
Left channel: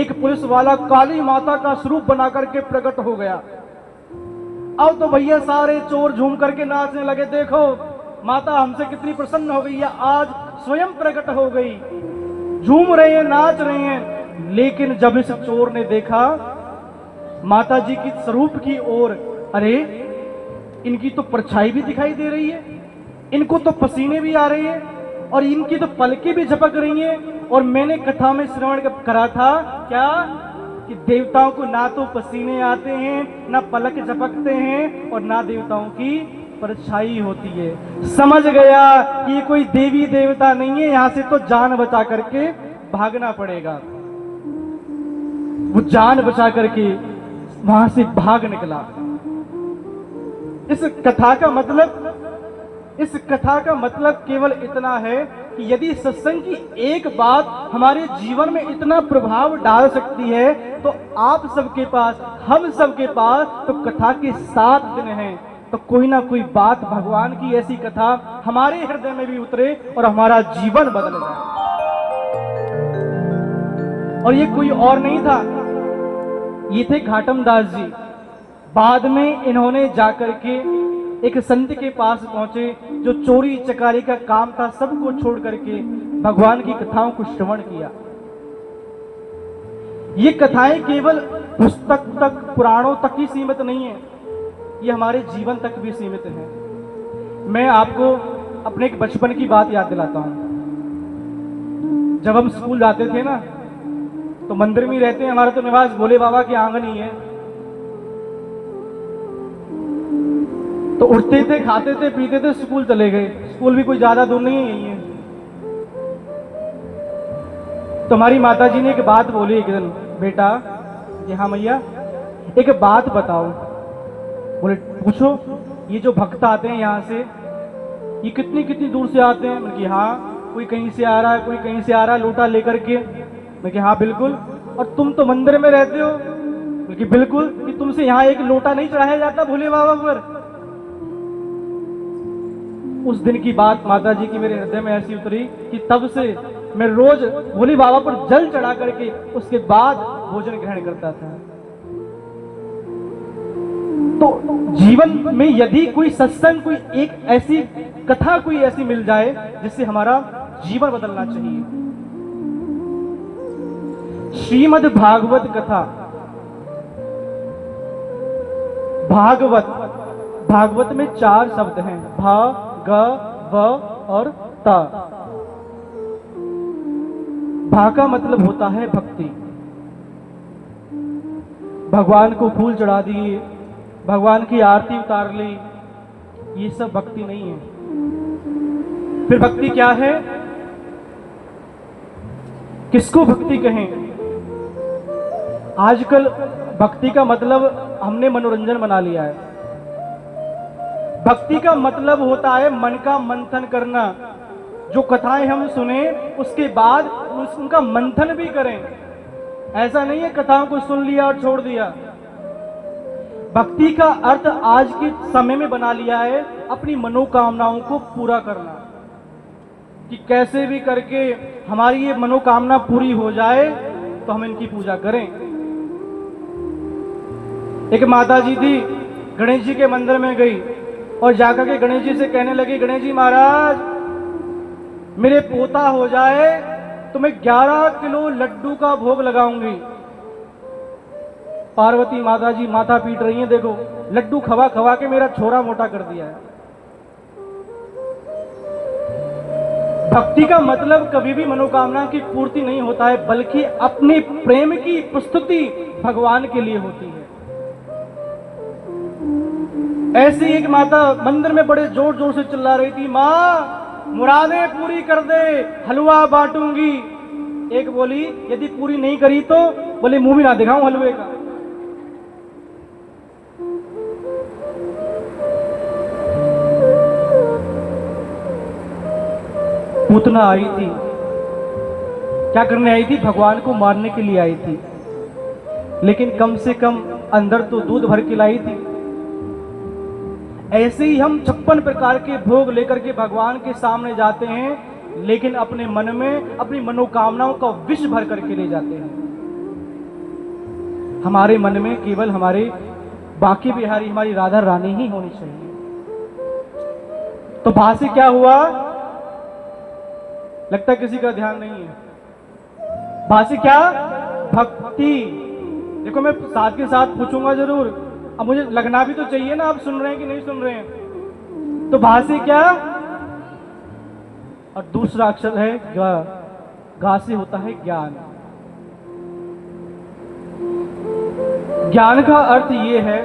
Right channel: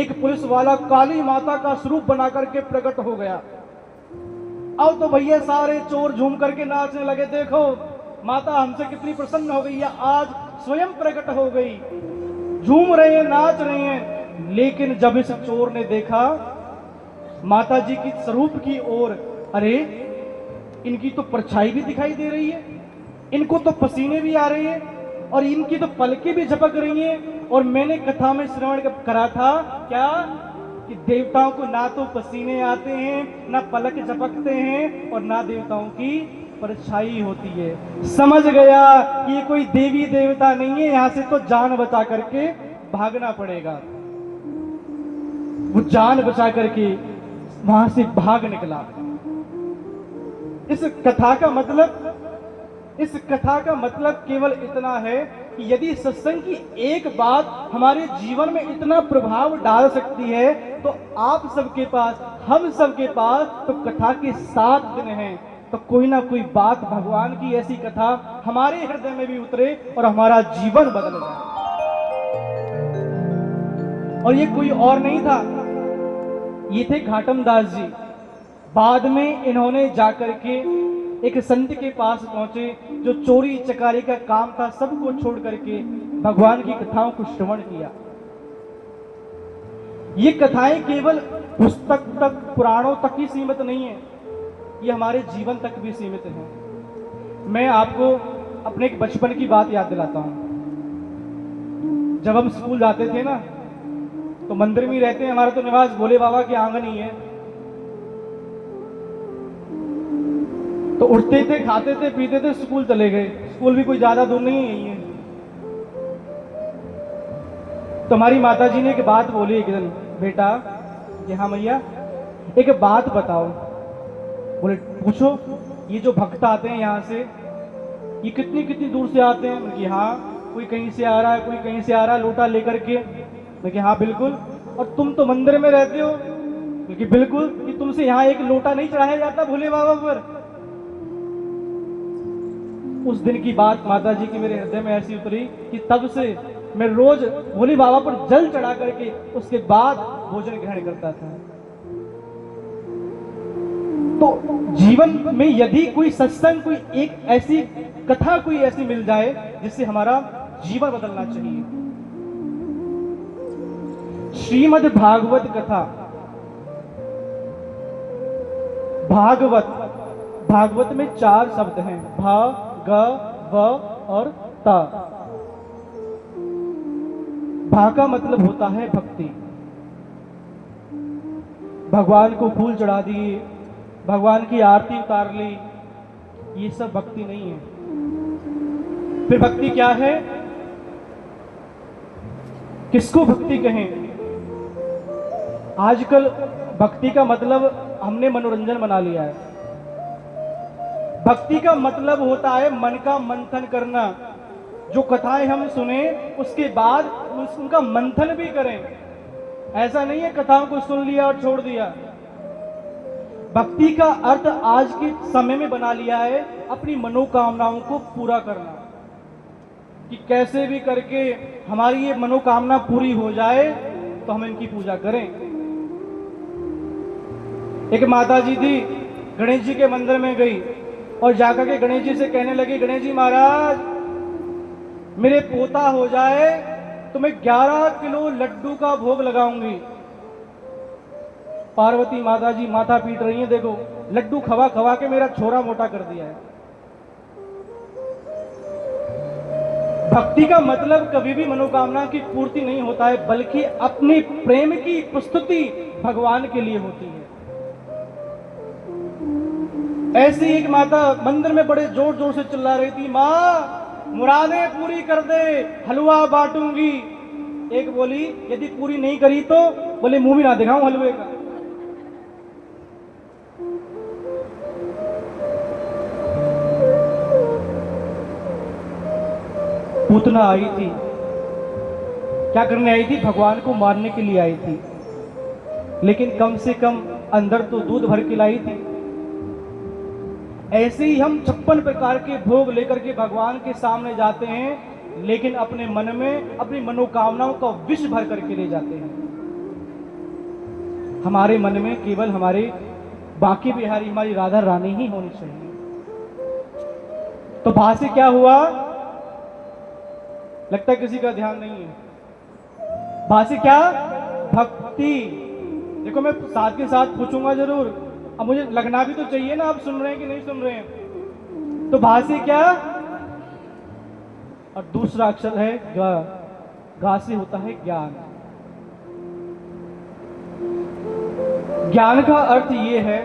एक पुलिस वाला काली माता का स्वरूप बना करके प्रकट हो गया। अब तो भैया सारे चोर झूम करके नाचने लगे, देखो माता हमसे कितनी प्रसन्न हो गई है, आज स्वयं प्रकट हो गई। झूम रहे हैं, नाच रहे हैं। लेकिन जब इस चोर ने देखा माता जी की स्वरूप की ओर, अरे इनकी तो परछाई भी दिखाई दे रही है, इनको तो पसीने भी आ रहे हैं और इनकी तो पलकें भी झपक रही हैं। और मैंने कथा में श्रवण करा था क्या कि देवताओं को ना तो पसीने आते हैं, ना पलक झपकते हैं और ना देवताओं की परछाई होती है। समझ गया कि ये कोई देवी देवता नहीं है, यहां से तो जान बचा करके भागना पड़ेगा। वो जान बचा करके वहां से भाग निकला। इस कथा का मतलब केवल इतना है कि यदि सत्संग की एक बात हमारे जीवन में इतना प्रभाव डाल सकती है, तो आप सबके पास, हम सबके पास तो कथा के 7 दिन हैं, तो कोई ना कोई बात भगवान की ऐसी कथा हमारे हृदय में भी उतरे और हमारा जीवन बदल जाए। और ये कोई और नहीं था, ये थे घाटम दास जी। बाद में इन्होंने जाकर के एक संत के पास पहुंचे जो चोरी चकारी का काम था, सबको छोड़ करके भगवान की कथाओं को श्रवण किया। ये कथाएं केवल पुस्तक तक, पुराणों तक ही सीमित नहीं है, ये हमारे जीवन तक भी सीमित है। मैं आपको अपने एक बचपन की बात याद दिलाता हूं। जब हम स्कूल जाते थे ना, तो मंदिर में ही रहते हैं, हमारा तो निवास भोले बाबा के आंगन ही है। तो उठते थे, खाते थे, पीते थे, स्कूल चले गए। स्कूल भी कोई ज्यादा दूर नहीं है, यही है। तो हमारी माता जी ने एक बात बोली एक दिन, बेटा, कि हाँ मैया, एक बात बताओ। बोले पूछो। ये जो भक्त आते हैं यहाँ से, ये कितनी कितनी दूर से आते हैं? मैंने कहा हाँ, कोई कहीं से आ रहा है, कोई कहीं से आ रहा है लोटा लेकर के। मैं कहा हाँ बिल्कुल। और तुम तो मंदिर में रहते हो? क्योंकि बिल्कुल, कि तुमसे यहाँ एक लोटा नहीं चढ़ाया जाता भोले बाबा पर। उस दिन की बात माता जी की मेरे हृदय में ऐसी उतरी कि तब से मैं रोज भोले बाबा पर जल चढ़ा करके उसके बाद भोजन ग्रहण करता था। तो जीवन में यदि कोई सत्संग, कोई एक ऐसी कथा कोई ऐसी मिल जाए जिससे हमारा जीवन बदलना चाहिए। श्रीमद् भागवत कथा। भागवत में 4 शब्द हैं, भा, ग, व और ता। भा का मतलब होता है भक्ति। भगवान को फूल चढ़ा दिए, भगवान की आरती उतार ली, ये सब भक्ति नहीं है। फिर भक्ति क्या है? किसको भक्ति कहें? आजकल भक्ति का मतलब हमने मनोरंजन बना लिया है। भक्ति का मतलब होता है मन का मंथन करना। जो कथाएं हम सुने उसके बाद उनका मंथन भी करें। ऐसा नहीं है कथाओं को सुन लिया और छोड़ दिया। भक्ति का अर्थ आज के समय में बना लिया है अपनी मनोकामनाओं को पूरा करना, कि कैसे भी करके हमारी ये मनोकामना पूरी हो जाए तो हम इनकी पूजा करें। एक माता जी थी, गणेश जी के मंदिर में गई और जाकर के गणेश जी से कहने लगी, गणेश जी महाराज, मेरे पोता हो जाए तो मैं 11 किलो लड्डू का भोग लगाऊंगी। पार्वती माता जी माथा पीट रही हैं, देखो लड्डू खवा खवा के मेरा छोरा मोटा कर दिया है। भक्ति का मतलब कभी भी मनोकामना की पूर्ति नहीं होता है, बल्कि अपने प्रेम की प्रस्तुति भगवान के लिए होती है। ऐसी एक माता मंदिर में बड़े जोर जोर से चिल्ला रही थी, माँ मुरादें पूरी कर दे, हलवा बांटूंगी। एक बोली, यदि पूरी नहीं करी तो बोले मुंह भी ना दिखाऊं हलवे का। पूतना आई थी, क्या करने आई थी? भगवान को मारने के लिए आई थी, लेकिन कम से कम अंदर तो दूध भर के लाई थी। ऐसे ही हम 56 प्रकार के भोग लेकर के भगवान के सामने जाते हैं, लेकिन अपने मन में अपनी मनोकामनाओं का विष भर करके ले जाते हैं। हमारे मन में केवल हमारे बांके बिहारी, हमारी राधा रानी ही होनी चाहिए। तो भा से क्या हुआ? लगता किसी का ध्यान नहीं है। भा से क्या? भक्ति। देखो मैं साथ के साथ पूछूंगा जरूर, अब मुझे लगना भी तो चाहिए ना आप सुन रहे हैं कि नहीं सुन रहे हैं। तो भा से क्या, और दूसरा अक्षर है गा, गा से होता है ज्ञान। ज्ञान का अर्थ ये है,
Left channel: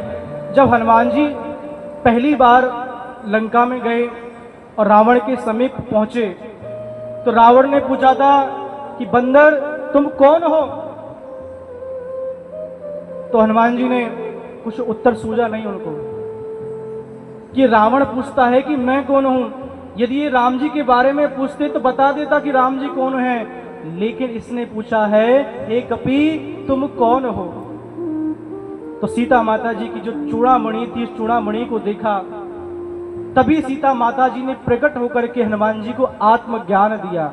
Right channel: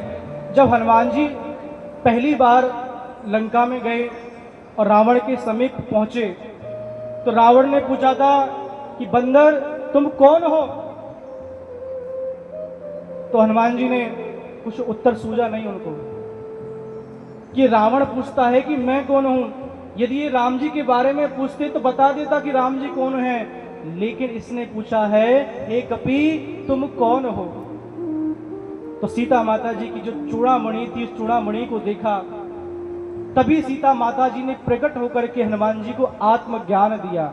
जब हनुमान जी पहली बार लंका में गए और रावण के समीप पहुंचे तो रावण ने पूछा था कि बंदर तुम कौन हो। तो हनुमान जी ने कुछ उत्तर सूझा नहीं उनको, कि रावण पूछता है कि मैं कौन हूं। यदि ये राम जी के बारे में पूछते तो बता देता कि राम जी कौन है, लेकिन इसने पूछा है हे कपि तुम कौन हो। तो सीता माता जी की जो चूड़ामणि थी, उस चूड़ामणि को देखा, तभी सीता माता जी ने प्रकट होकर के हनुमान जी को आत्मज्ञान दिया।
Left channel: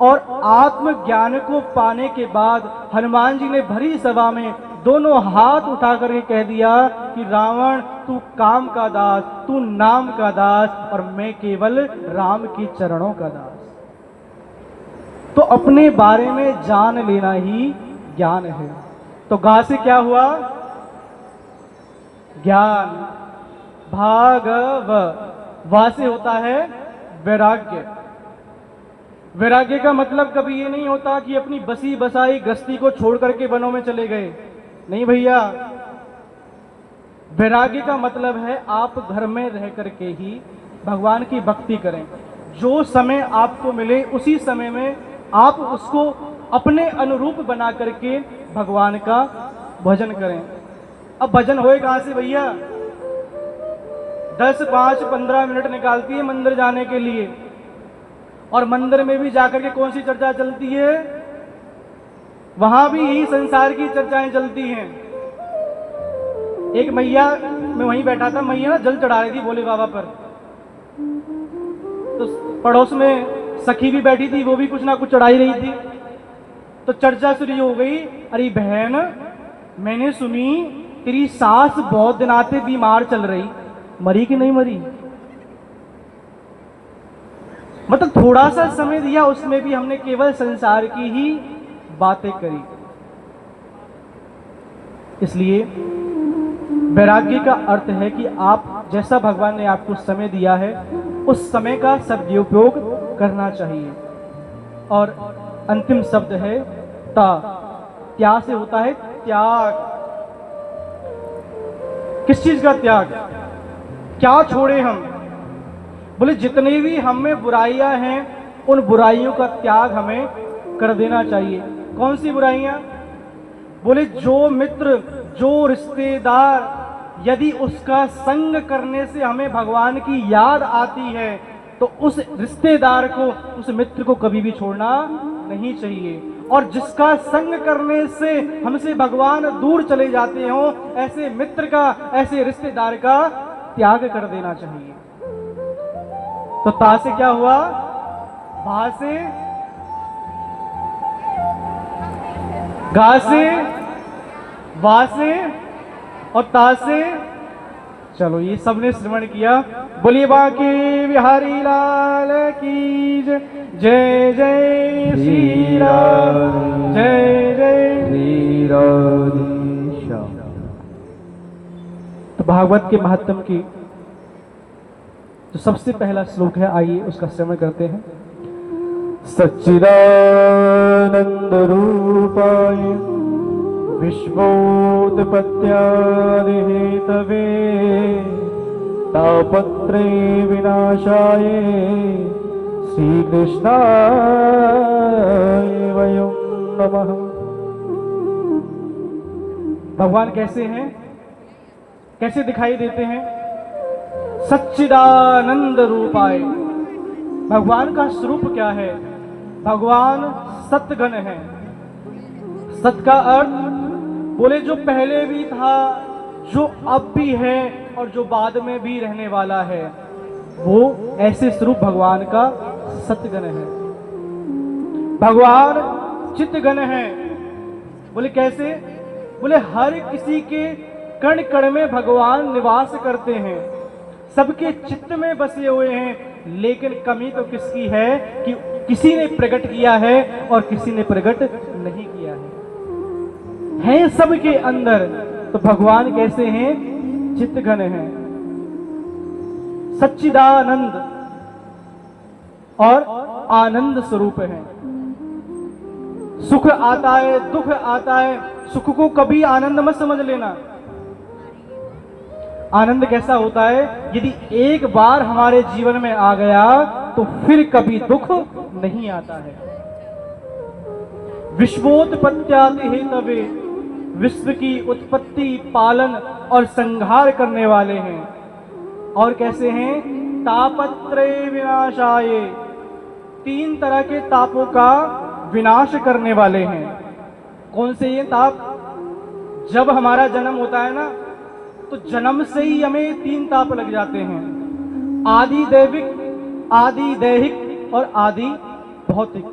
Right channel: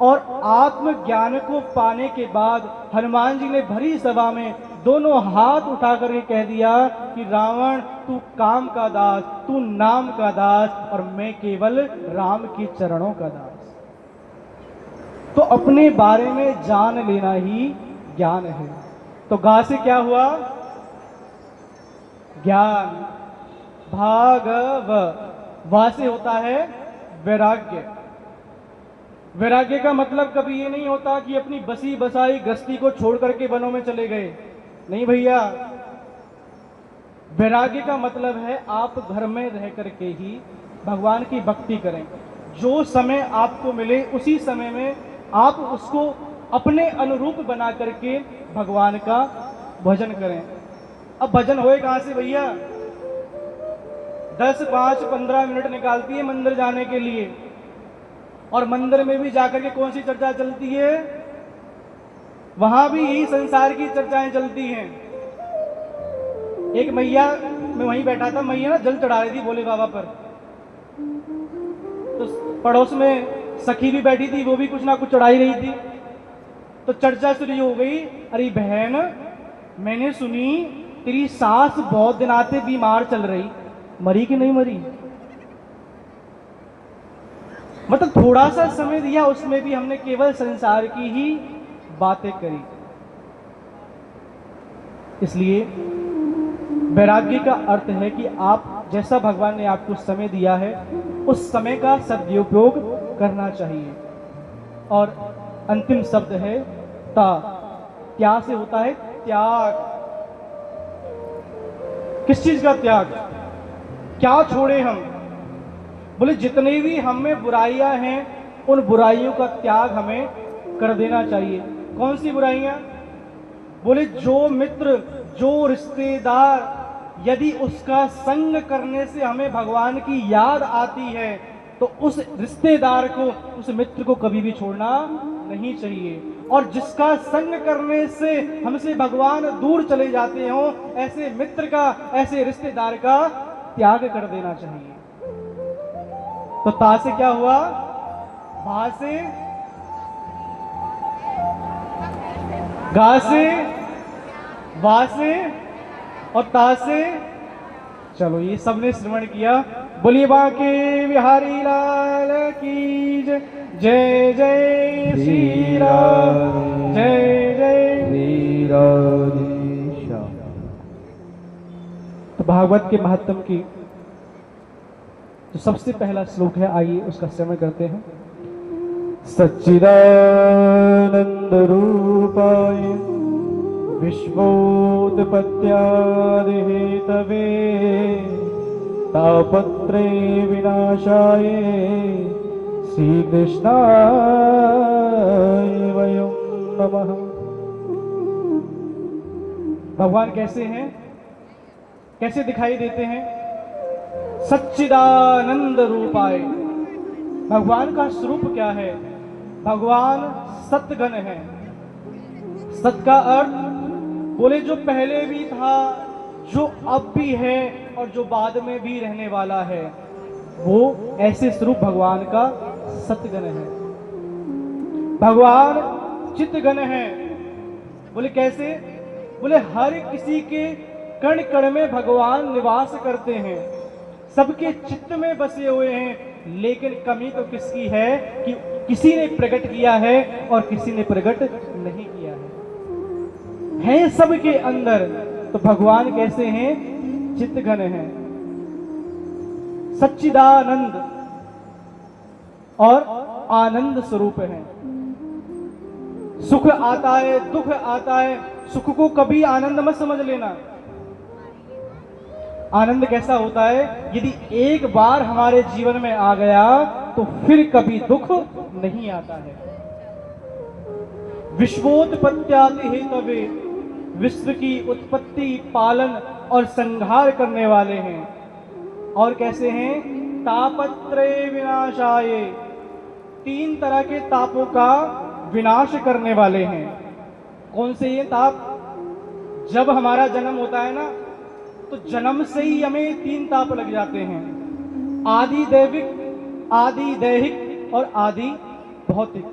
और आत्मज्ञान को पाने के बाद हनुमान जी ने भरी सभा में दोनों हाथ उठा करके कह दिया कि रावण तू काम का दास, तू नाम का दास, और मैं केवल राम के चरणों का दास। तो अपने बारे में जान लेना ही ज्ञान है। तो गा से क्या हुआ, ज्ञान। भागव, वा से होता है वैराग्य। वैराग्य का मतलब कभी ये नहीं होता कि अपनी बसी बसाई गृहस्थी को छोड़ करके वनों में चले गए, नहीं भैया। वैराग्य का मतलब है आप घर में रह करके ही भगवान की भक्ति करें। जो समय आपको मिले उसी समय में आप उसको अपने अनुरूप बना करके भगवान का भजन करें। अब भजन होए कहां से भैया, 10, 5, 15 मिनट निकालती है मंदिर जाने के लिए, और मंदिर में भी जाकर के कौन सी चर्चा चलती है, वहां भी यही संसार की चर्चाएं चलती हैं। एक मैया, मैं वहीं बैठा था, मैया ना जल चढ़ा रही थी भोले बाबा पर, तो पड़ोस में सखी भी बैठी थी, वो भी कुछ ना कुछ चढ़ाई रही थी। तो चर्चा शुरू हो गई, अरे बहन मैंने सुनी तेरी सास बहुत दिन आते बीमार चल रही, मरी कि नहीं मरी। मतलब थोड़ा सा समय दिया, उसमें भी हमने केवल संसार की ही बातें करी। इसलिए वैराग्य का अर्थ है कि आप जैसा भगवान ने आपको समय दिया है उस समय का सदुपयोग करना चाहिए। और अंतिम शब्द है ता, त्या से होता है त्याग। किस चीज का त्याग, क्या छोड़े हम, बोले जितनी भी हम में बुराइयां हैं उन बुराइयों का त्याग हमें कर देना चाहिए। कौन सी बुराइयां, बोले जो मित्र, जो रिश्तेदार, यदि उसका संग करने से हमें भगवान की याद आती है तो उस रिश्तेदार को, उस मित्र को कभी भी छोड़ना नहीं चाहिए। और जिसका संग करने से हमसे भगवान दूर चले जाते हो, ऐसे मित्र का, ऐसे रिश्तेदार का त्याग कर देना चाहिए। तो ता से क्या हुआ, भा से, गा से, वा से और ता से। चलो ये सबने श्रवण किया। बोलिए बांके बिहारी लाल की जय। जय जय श्री राम, जय जय श्री राम। तो भागवत के महत्व की जो सबसे पहला श्लोक है, आइए उसका श्रवण करते हैं। सच्चिदानंद रूपाय विश्वोत्पत्त्यादि हेतवे तापत्रे विनाशाय श्री कृष्णाय वयं नमः। भगवान कैसे हैं, कैसे दिखाई देते हैं, सच्चिदानंद रूपाय। भगवान का स्वरूप क्या है, भगवान सतगण है। सत का अर्थ, बोले जो पहले भी था, जो अब भी है और जो बाद में भी रहने वाला है, वो ऐसे स्वरूप भगवान का सतगण है। भगवान चित्तगण है। बोले कैसे, बोले हर किसी के कण कण में भगवान निवास करते हैं, सबके चित्त में बसे हुए हैं। लेकिन कमी तो किसकी है कि किसी ने प्रकट किया है और किसी ने प्रकट नहीं किया है। हैं सबके अंदर, तो भगवान कैसे हैं? चित्तघन हैं, सच्चिदानंद और आनंद स्वरूप हैं। सुख आता है, दुख आता है, सुख को कभी आनंद मत समझ लेना। आनंद कैसा होता है? यदि एक बार हमारे जीवन में आ गया तो फिर कभी दुख नहीं आता है। विश्वोत्पत्त्यादि हेतवे, विश्व की उत्पत्ति, पालन और संहार करने वाले हैं। और कैसे हैं? तापत्रय विनाशाय, 3 तरह के तापों का विनाश करने वाले हैं। कौन से ये ताप? जब हमारा जन्म होता है ना, तो जन्म से ही हमें 3 ताप लग जाते हैं, आदि दैविक, आदि दैहिक और आदि भौतिक।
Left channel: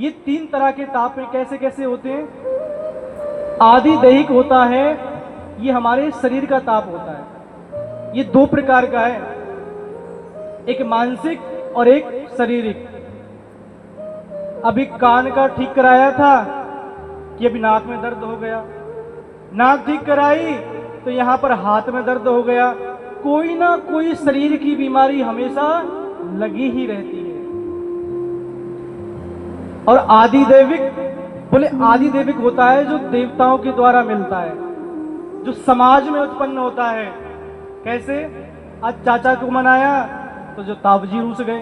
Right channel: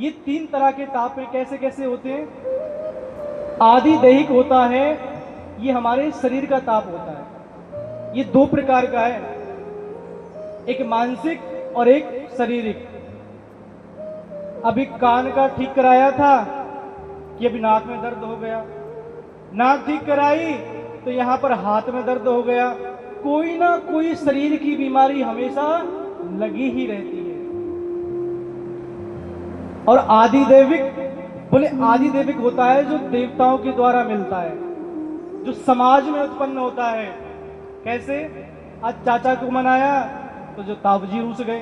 ये 3 तरह के ताप कैसे कैसे होते हैं? आदि दैहिक होता है, ये हमारे शरीर का ताप होता है। ये 2 प्रकार का है, एक मानसिक और एक शारीरिक। अभी कान का ठीक कराया था कि अभी नाक में दर्द हो गया, नाक ठीक कराई तो यहां पर हाथ में दर्द हो गया। कोई ना कोई शरीर की बीमारी हमेशा लगी ही रहती है। और आदि दैविक, बोले आदि दैविक होता है जो देवताओं के द्वारा मिलता है, जो समाज में उत्पन्न होता है। कैसे? आज चाचा को मनाया तो जो ताऊजी रूस गए,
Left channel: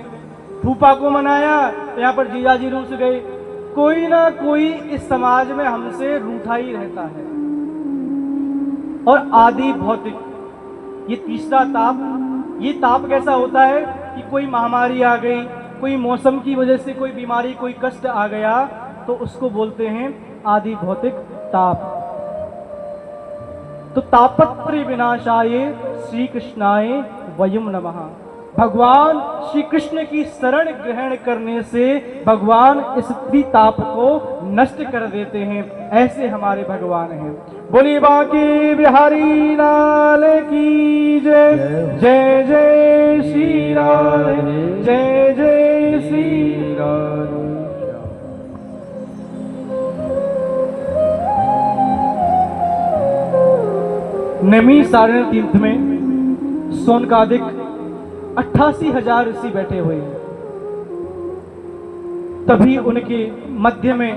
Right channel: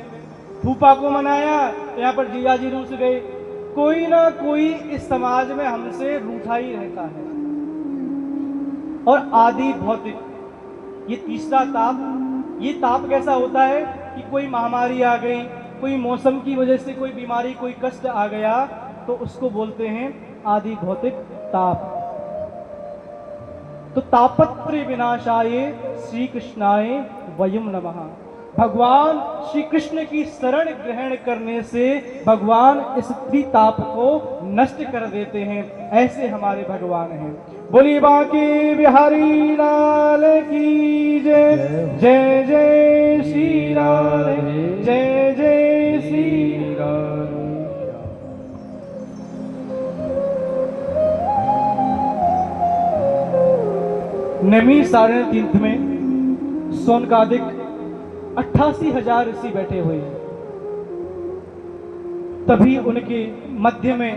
फूफा को मनाया तो यहाँ पर जीजाजी रूस गए। कोई ना कोई इस समाज में हमसे रूठा ही रहता है। और आदि भौतिक, ये तीसरा ताप। ये ताप कैसा होता है कि कोई महामारी आ गई, कोई मौसम की वजह से कोई बीमारी, कोई कष्ट आ गया, तो उसको बोलते हैं आदि भौतिक ताप। तो तापत्रय विनाशाय श्री कृष्णाय वयम नमः। भगवान श्री कृष्ण की शरण ग्रहण करने से भगवान इस ताप को नष्ट कर देते हैं। ऐसे हमारे भगवान हैं। बोली बांके बिहारी लाल की जय। जय जय श्री राम, जय जय श्री राम। नमी साढ़े तीर्थ में सोनकादिक 88,000 ऋषि बैठे हुए हैं। तभी उनके मध्य में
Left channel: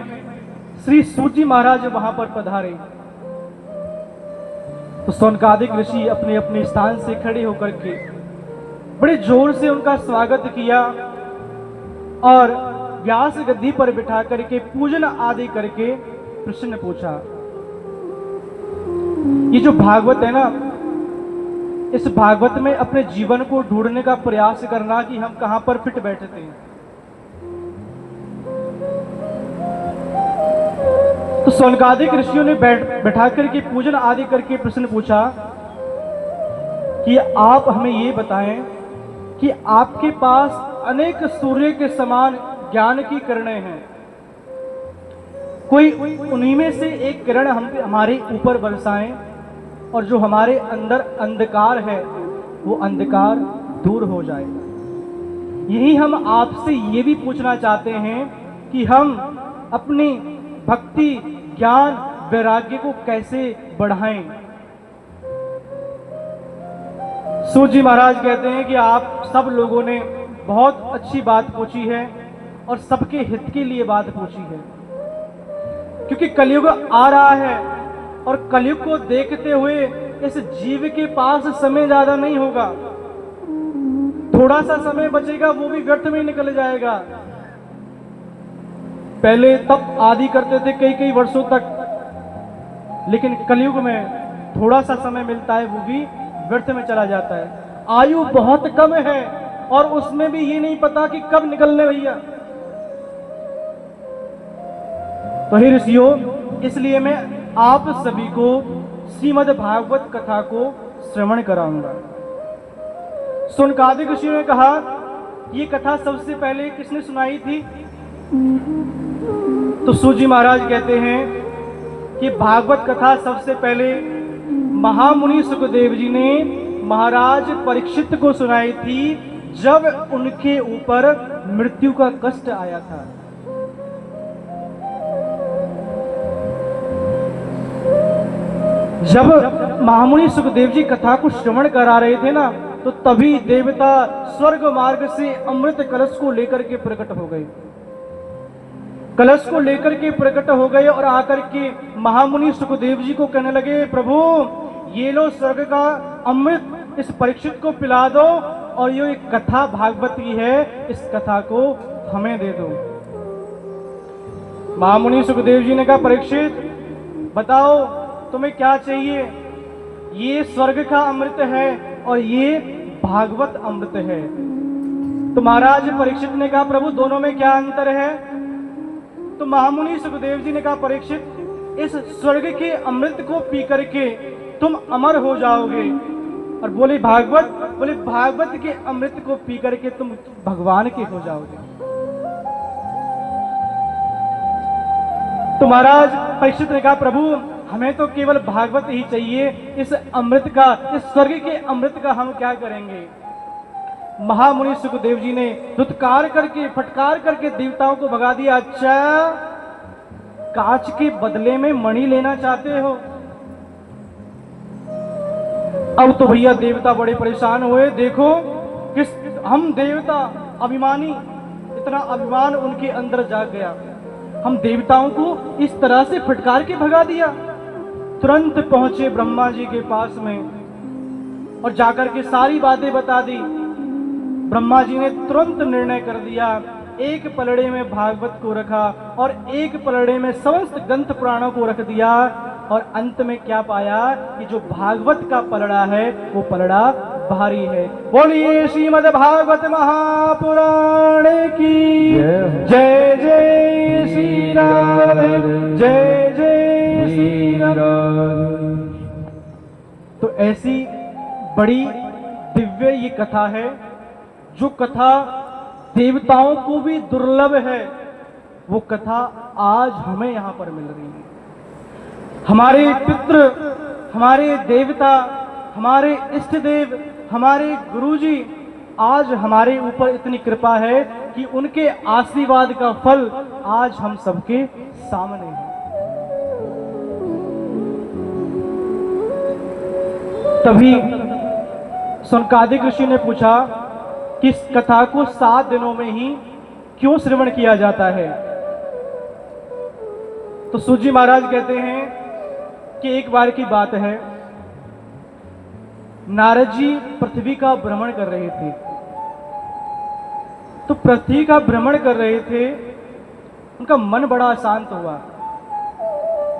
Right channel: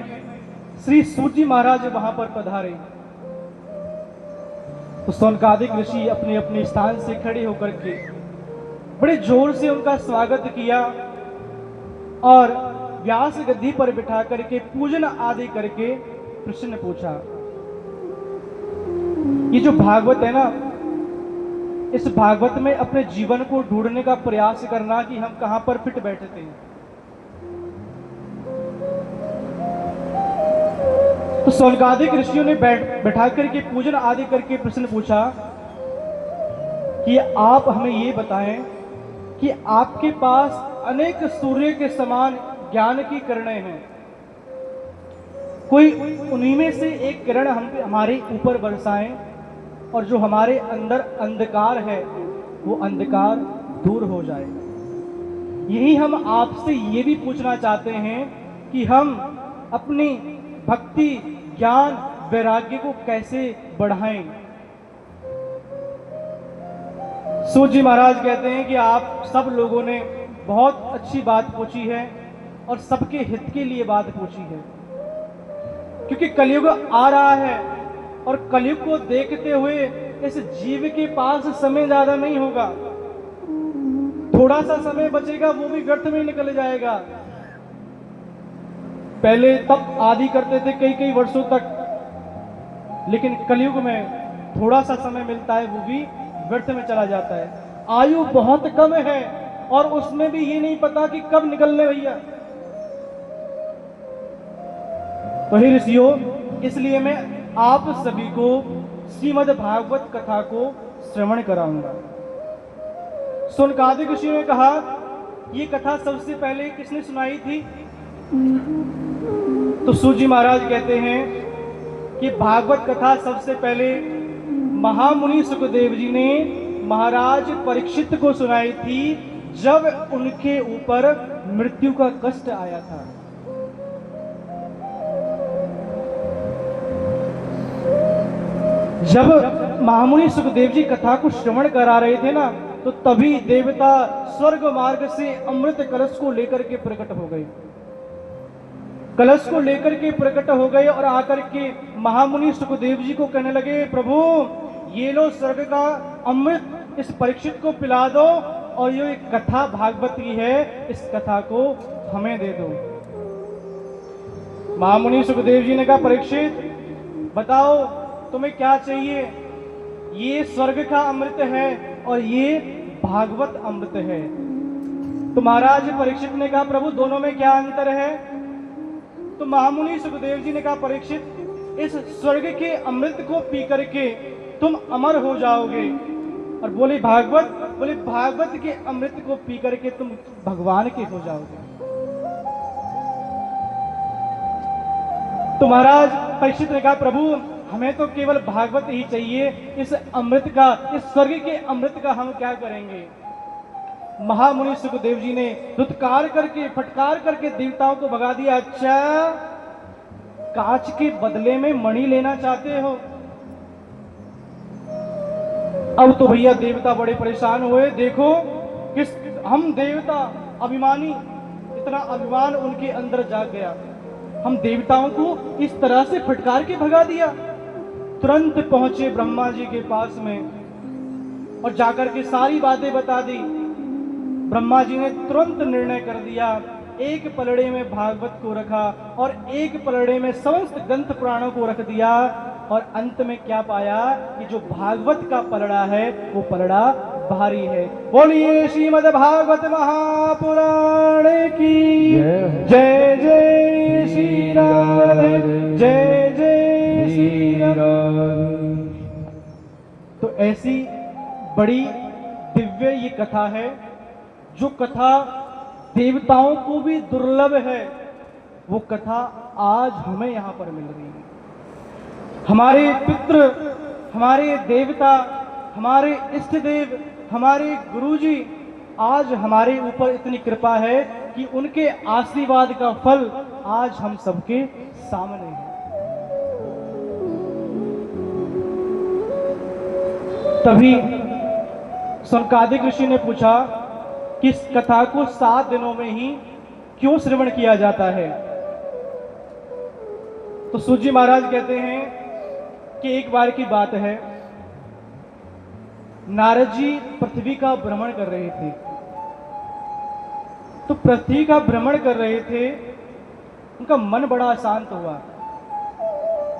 श्री सूजी महाराज वहां पर पधारे। तो सोनकादिक ऋषि अपने अपने स्थान से खड़े होकर के बड़े जोर से उनका स्वागत किया और व्यास गद्दी पर बिठा करके पूजन आदि करके प्रश्न पूछा। ये जो भागवत है ना, इस भागवत में अपने जीवन को ढूंढने का प्रयास करना कि हम कहां पर फिट बैठते हैं। तो सोनकादिक ऋषियों ने बैठा करके पूजन आदि करके प्रश्न पूछा कि आप हमें ये बताएं कि आपके पास अनेक सूर्य के समान ज्ञान की किरणें हैं, कोई उन्हीं में से एक किरण हमारे ऊपर बरसाएं और जो हमारे अंदर अंधकार है वो अंधकार दूर हो जाएगा। यही हम आपसे ये भी पूछना चाहते हैं कि हम अपनी भक्ति, ज्ञान, वैराग्य को कैसे बढ़ाएं। सूजी महाराज कहते हैं कि आप सब लोगों ने बहुत अच्छी बात पूछी है और सबके हित के लिए बात पूछी है, क्योंकि कलयुग आ रहा है और कलयुग को देखते हुए इस जीव के पास समय ज्यादा नहीं होगा। थोड़ा सा समय बचेगा वो भी व्यर्थ में निकल जाएगा। पहले तप आदि करते थे कई कई वर्षों तक, लेकिन कलयुग में थोड़ा सा समय मिलता है वो भी व्यर्थ में चला जाता है। आयु बहुत कम है और उसमें भी ये नहीं पता कि कब निकलने भैया। तो हे ऋषियों, इसलिए मैं आप सभी को श्रीमद् भागवत कथा को श्रवण कराऊंगा। सोनकादिक ऋषियों ने कहा, ये कथा सबसे पहले किसने सुनाई थी? तो सूजी महाराज कहते हैं कि भागवत कथा सबसे पहले महामुनि सुखदेव जी ने महाराज परीक्षित को सुनाई थी जब उनके ऊपर मृत्यु का कष्ट आया था। जब महामुनि सुखदेव जी कथा को श्रवण करा रहे थे ना, तो तभी देवता स्वर्ग मार्ग से अमृत कलश को लेकर के प्रकट हो गए। कलश को लेकर के प्रकट हो गए और आकर के महामुनि सुखदेव जी को कहने लगे, प्रभु ये लो स्वर्ग का अमृत, इस परीक्षित को पिला दो, और ये एक कथा भागवत की है, इस कथा को हमें दे दो। महामुनि सुखदेव जी ने कहा, परीक्षित बताओ तुम्हें क्या चाहिए? ये स्वर्ग का अमृत है और ये भागवत अमृत है। तो महाराज परीक्षित ने कहा, प्रभु दोनों में क्या अंतर है? तो महामुनि सुखदेव जी ने कहा, परीक्षित इस स्वर्ग के अमृत को पी करके तुम अमर हो जाओगे, और बोले भागवत के अमृत को पी करके तुम भगवान के हो जाओगे। तो महाराज परीक्षित ने कहा, प्रभु हमें तो केवल भागवत ही चाहिए, इस अमृत का, इस स्वर्ग के अमृत का हम क्या करेंगे? महामुनि सुखदेव जी ने दुत्कार करके, फटकार करके देवताओं को भगा दिया। अच्छा, कांच के बदले में मणि लेना चाहते हो? अब तो भैया देवता बड़े परेशान हुए। देखो किस, हम देवता अभिमानी, इतना अभिमान उनके अंदर जाग गया, हम देवताओं को इस तरह से फटकार के भगा दिया। तुरंत पहुंचे ब्रह्मा जी के पास में और जाकर के सारी बातें बता दी। ब्रह्मा जी ने तुरंत निर्णय कर दिया, एक पलड़े में भागवत को रखा और एक पलड़े में समस्त ग्रंथ पुराणों को रख दिया, और अंत में क्या पाया कि जो भागवत का पलड़ा है वो पलड़ा भारी है। बोलिए श्रीमद् भागवत महापुराण की जय जय श्री राधे, जय जय श्री राधे। तो ऐसी बड़ी दिव्य ये कथा है, जो कथा देवताओं को भी दुर्लभ है, वो कथा आज हमें यहां पर मिल रही है। हमारे पितृ, हमारे देवता, हमारे इष्ट देव, हमारे गुरुजी आज हमारे ऊपर इतनी कृपा है कि उनके आशीर्वाद का फल आज हम सबके सामने है। तभी सनकादिक ऋषि ने पूछा कि इस कथा को 7 दिनों में ही क्यों श्रवण किया जाता है? तो सूजी महाराज कहते हैं कि एक बार की बात है, नारद जी पृथ्वी का भ्रमण कर रहे थे। तो पृथ्वी का भ्रमण कर रहे थे, उनका मन बड़ा शांत हुआ।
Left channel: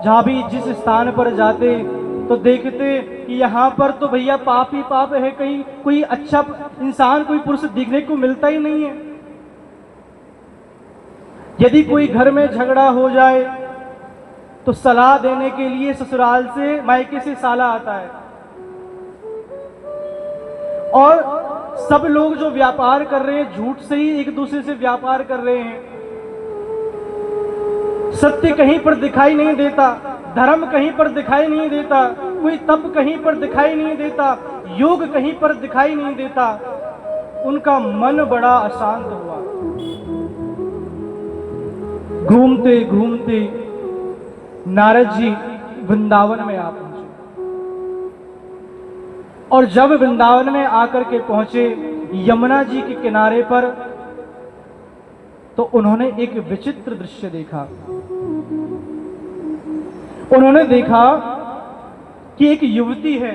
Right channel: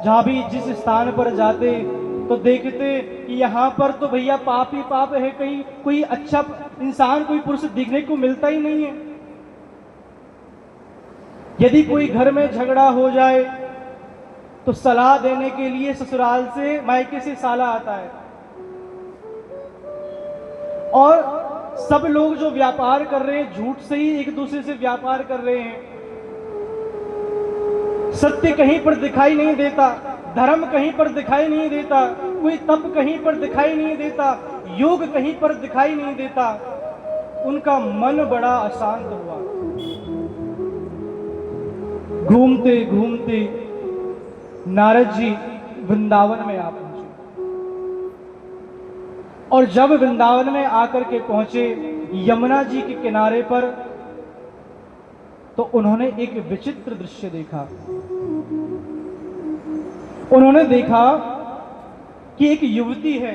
जहां भी जिस स्थान पर जाते तो देखते कि यहां पर तो भैया पाप ही पाप है, कहीं कोई अच्छा इंसान, कोई पुरुष दिखने को मिलता ही नहीं है। यदि कोई घर में झगड़ा हो जाए तो सलाह देने के लिए ससुराल से, मायके से साला आता है, और सब लोग जो व्यापार कर रहे हैं झूठ से ही एक दूसरे से व्यापार कर रहे हैं। सत्य कहीं पर दिखाई नहीं देता, धर्म कहीं पर दिखाई नहीं देता, कोई तप कहीं पर दिखाई नहीं देता, योग कहीं पर दिखाई नहीं देता। उनका मन बड़ा अशांत हुआ। घूमते घूमते नारद जी वृंदावन में आ पहुंचे, और जब वृंदावन में आकर के पहुंचे यमुना जी के किनारे पर, तो उन्होंने एक विचित्र दृश्य देखा। उन्होंने देखा कि एक युवती है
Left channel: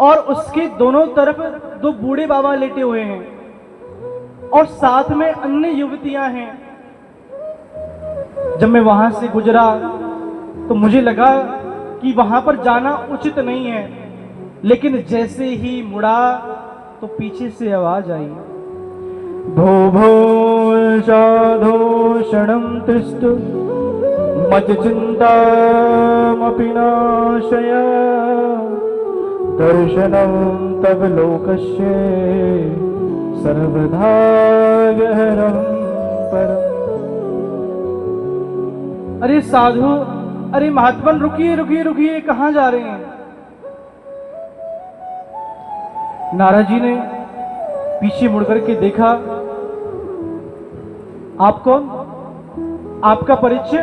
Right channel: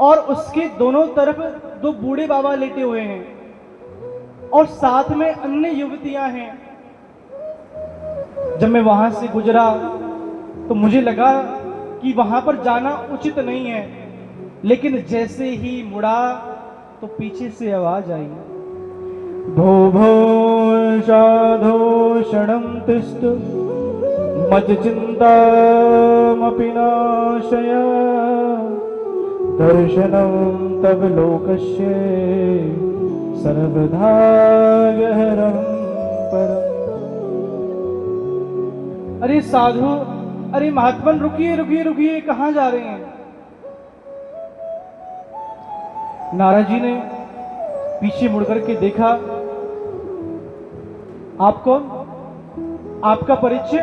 और उसके दोनों तरफ 2 बूढ़े बाबा लेटे हुए हैं, और साथ में अन्य युवतियां हैं। जब मैं वहां से गुजरा तो मुझे लगा कि वहां पर जाना उचित नहीं है, लेकिन जैसे ही मुड़ा तो पीछे से आवाज आई, भो भो साधो क्षणं तिष्ठ मज चिंतामपि नाशय दर्शनं तव लोकस्य सर्वधा गहरं परम्। अरे साधु, अरे महात्मन, रुकिए रुकिए रुकिए, कहां जा रहे हैं? नारद जी ने पीछे मुड़कर के देखा, आप कौन? आपका परिचय?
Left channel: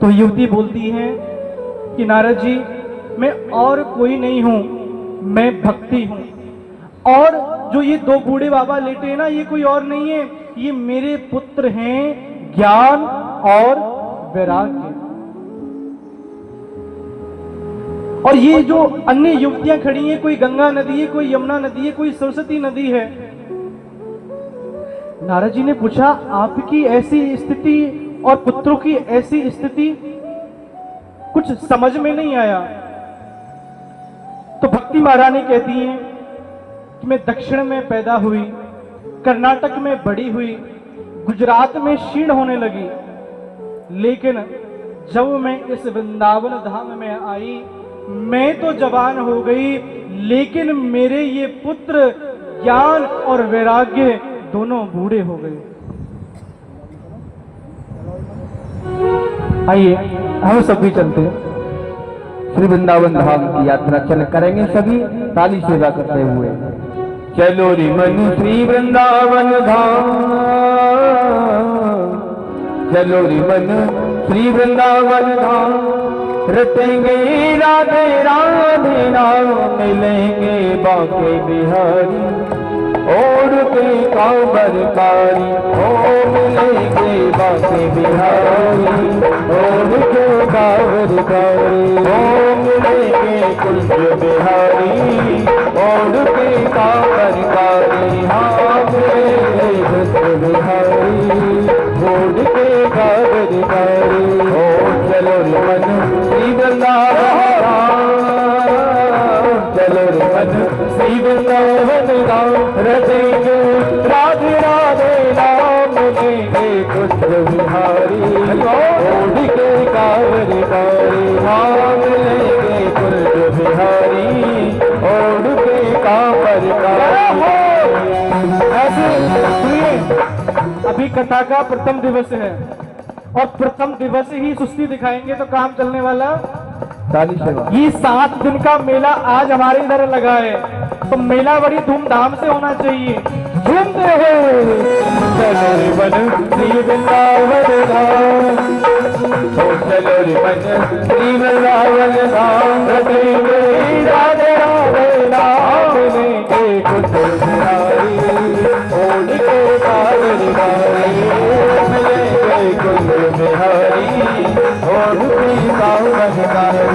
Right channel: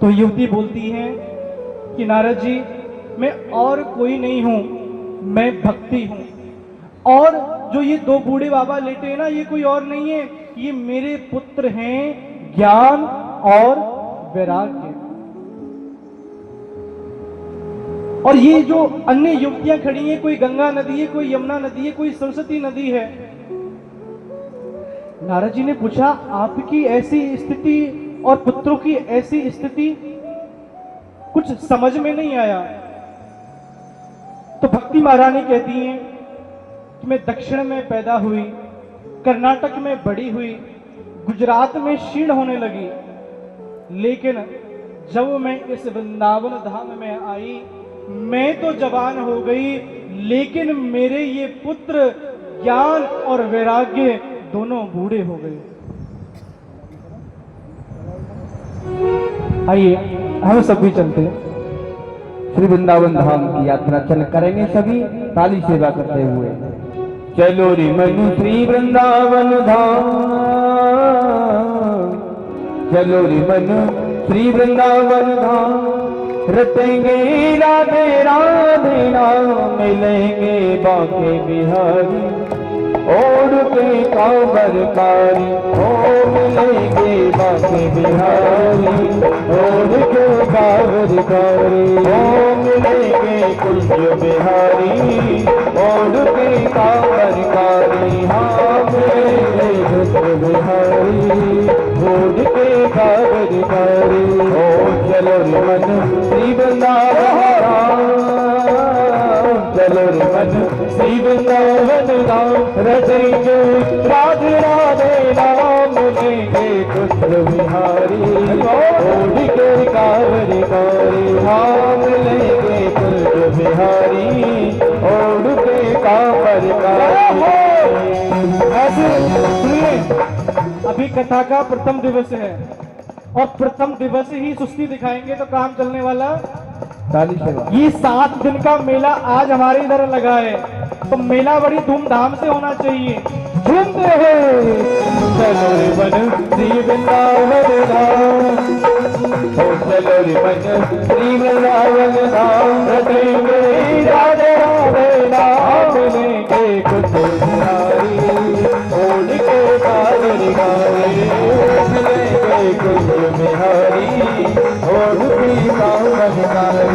तो युवती बोलती है कि नारद जी, मैं और कोई नहीं हूं, मैं भक्ति हूं। और जो ये दो बूढ़े बाबा लेटे हैं ना, ये कोई और नहीं है, ये मेरे पुत्र हैं ज्ञान और वैराग्य। और ये जो अन्य युवतियां खड़ी हैं, कोई गंगा नदी है, कोई यमुना नदी है, कोई सरस्वती नदी है। नारद जी ने पूछा, आपकी ऐसी स्थिति और पुत्रों की ऐसी स्थिति कुछ समझ में नहीं आया। तो भक्ति महारानी कहती हैं कि मैं दक्षिण में पैदा हुई, कर्नाटक में बड़ी हुई, गुजरात में क्षीण होने लगी, लेकिन जब मैं इस वृंदावन धाम में आई, मैं तो जवान हो गई, लेकिन मेरे ये पुत्र ज्ञान और वैराग्य दोनों बूढ़े हो गए। आइए हम सब भी चलते हैं श्री वृंदावन धाम की यात्रा चल करेंगे सभी ताली सेवा करते हुए। चलो रे मन श्री वृंदावन धाम, चलो रे मन श्री वृंदावन धाम, रटेंगे राधे राधे नाम, मिलेंगे बाके बिहारी और के कांवरकारी, ओ मिलेंगे बाके बिहारी और के कांवरकारी, ओ मिलेंगे कुंज बिहारी और के कांवरकारी, हाँ मिलेंगे कुंज बिहारी और के कांवरकारी। ओ चलो रे मन श्री वृंदावन, चलो रे मन श्री वृंदावन धाम, रटेंगे राधे राधे नाम, मिलेंगे कुंज बिहारी और के कांवरकारी, हाँ मिलेंगे कुंज बिहारी और के कांवरकारी। ऐसे सुनिए, अभी कथा का प्रथम दिवस है और प्रथम दिवस ही सुस्ती दिखाएंगे तो काम चलने वाला। ताली सेवा। ये 7 दिन का मेला आज हमारे इधर लगा है, तो मेला बड़ी धूमधाम से होना चाहिए। झूमते हुए चलो रे मन श्री वृंदावन धाम, ओ चलो रे मन श्री वृंदावन धाम, रटेंगे राधे राधे नाम, मिलेंगे कुंज बिहारी और के कांवरकारी, मिलेंगे कुंज बिहारी और के कांवरकारी।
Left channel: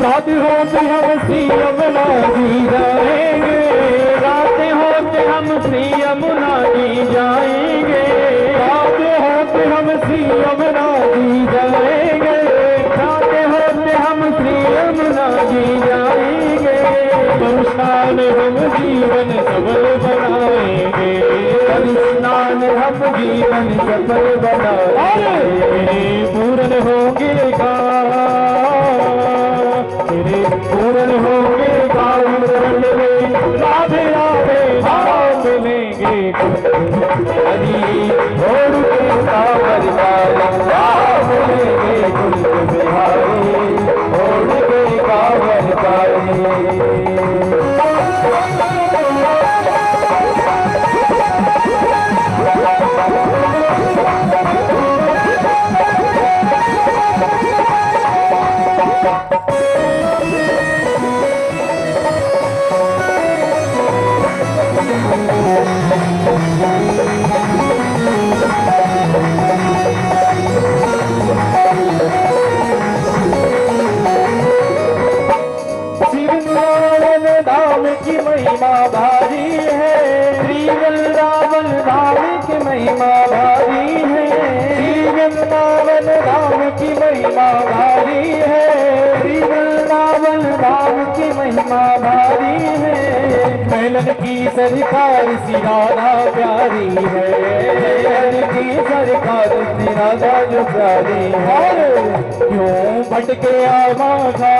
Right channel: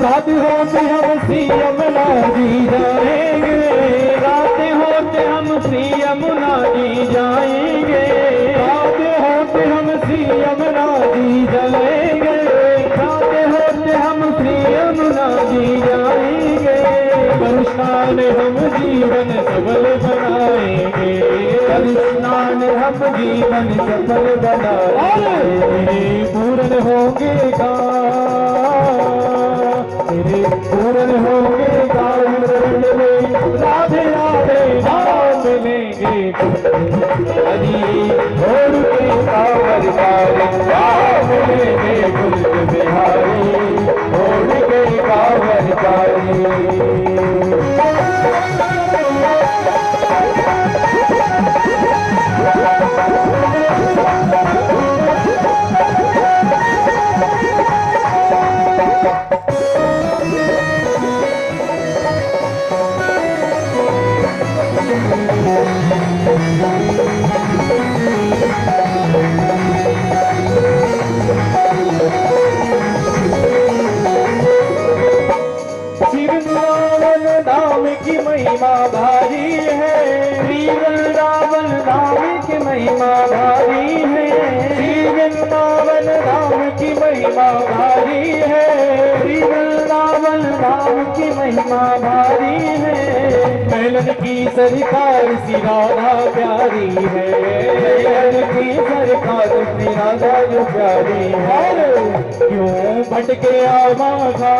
रात होते हम श्री यमुना जी जाएंगे, रात होते हम श्री यमुना जी जाएंगे, रात होते हम श्री यमुना जी जाएंगे, रात होते हम श्री यमुना जी जाएंगे, स्नान हम जीवन सफल बनाएंगे, स्नान हम जीवन सफल बनाएंगे, पूर्ण होंगे तेरे पूर्ण होंगे काम में, राधे राधे नाम मिलेंगे हरी और के कांवरकारी, मिलेंगे कुंज बिहारी और के कांवरकारी। महिमा भारी है, मेलन की सरकार श्री राधा प्यारी है, मेलन की सरकार श्री राधा जो प्यारी है। क्यों भटके आवाज़ा,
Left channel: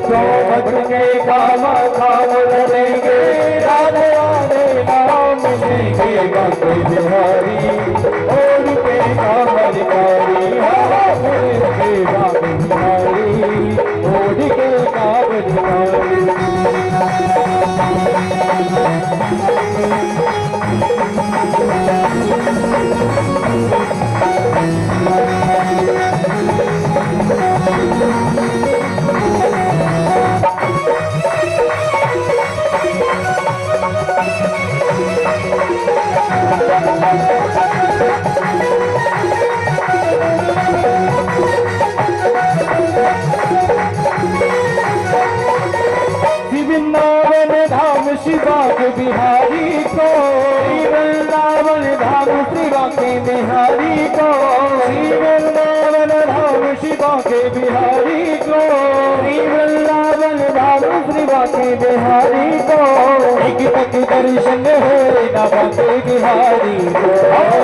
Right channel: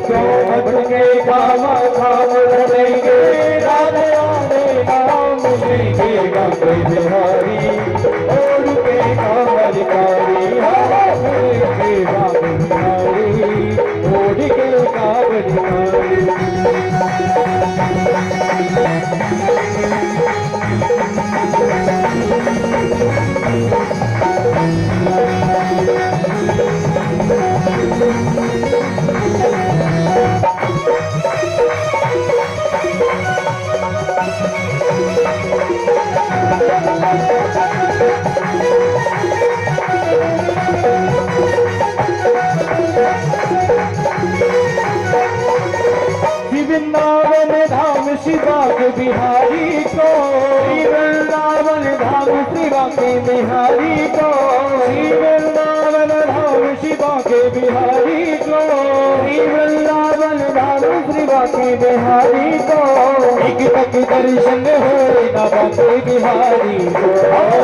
क्यों भटके कामा खाम करेंगे, राधे राधे नाम लेंगे गाते बिहारी, और के कामर कारी, हरे के गाते बिहारी, और के कामर कारी। वृंदावन धाम शिवा के बिहारी को, वृंदावन धाम शिवा के बिहारी को, वृंदावन धाम शिवा के बिहारी को, वृंदावन धाम शिवा के बिहारी को, एक तक दर्शन हो न बाके बिहारी को,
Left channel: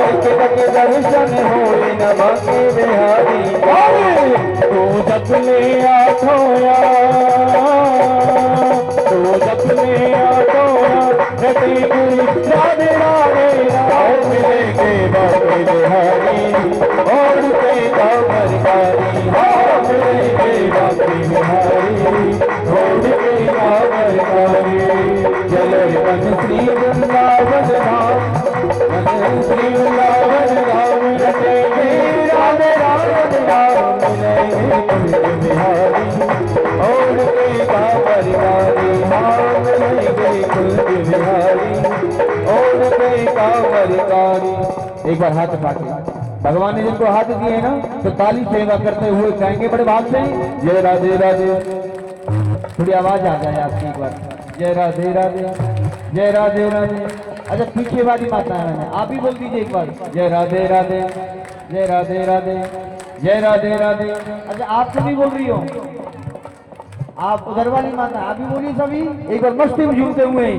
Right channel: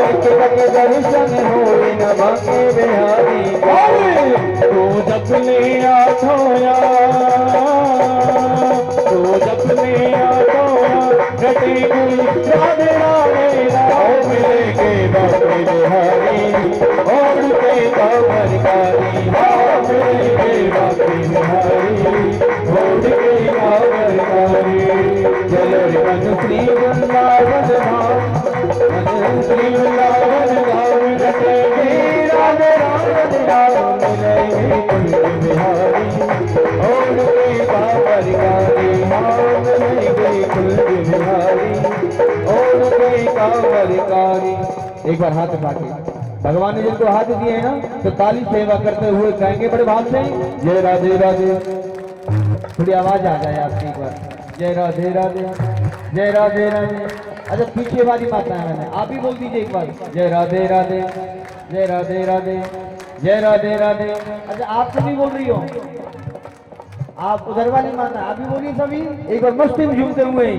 एक तक दर्शन हो न बाके बिहारी को। तो जब ले आठोया, तो जब में आतो घटे गुल राधे राधे राम के बाबे बिहारी, और के कामर कारी, के बाबे बिहारी, और के कामर कारी। चलो मन श्री वृंदावन धाम, मन श्री वृंदावन धाम, घटेंगे राधे राधे राम के बिहारी, और के कामर कारी, एक बार हाथ उठाते, भगवान ने जिनको हाथ दिए हैं ना, तो ताली सेवा करते हुए कहेंगे बड़े भाव से, जय राधे राधे। थोड़ी आवाज आ जाए आपकी एक बार, जय राधे राधे, जय राधे राधे। अच्छा पीछे वाली माता है, मैंने आप ही बोल दीजिए एक बार, जय राधे राधे, जय राधे राधे, जय राधे राधे। अच्छा आप सभी बोल रही हो, आप उधर वाली माता आप भी बोलिए सभी एक बार मस्ती में झूमते हुए।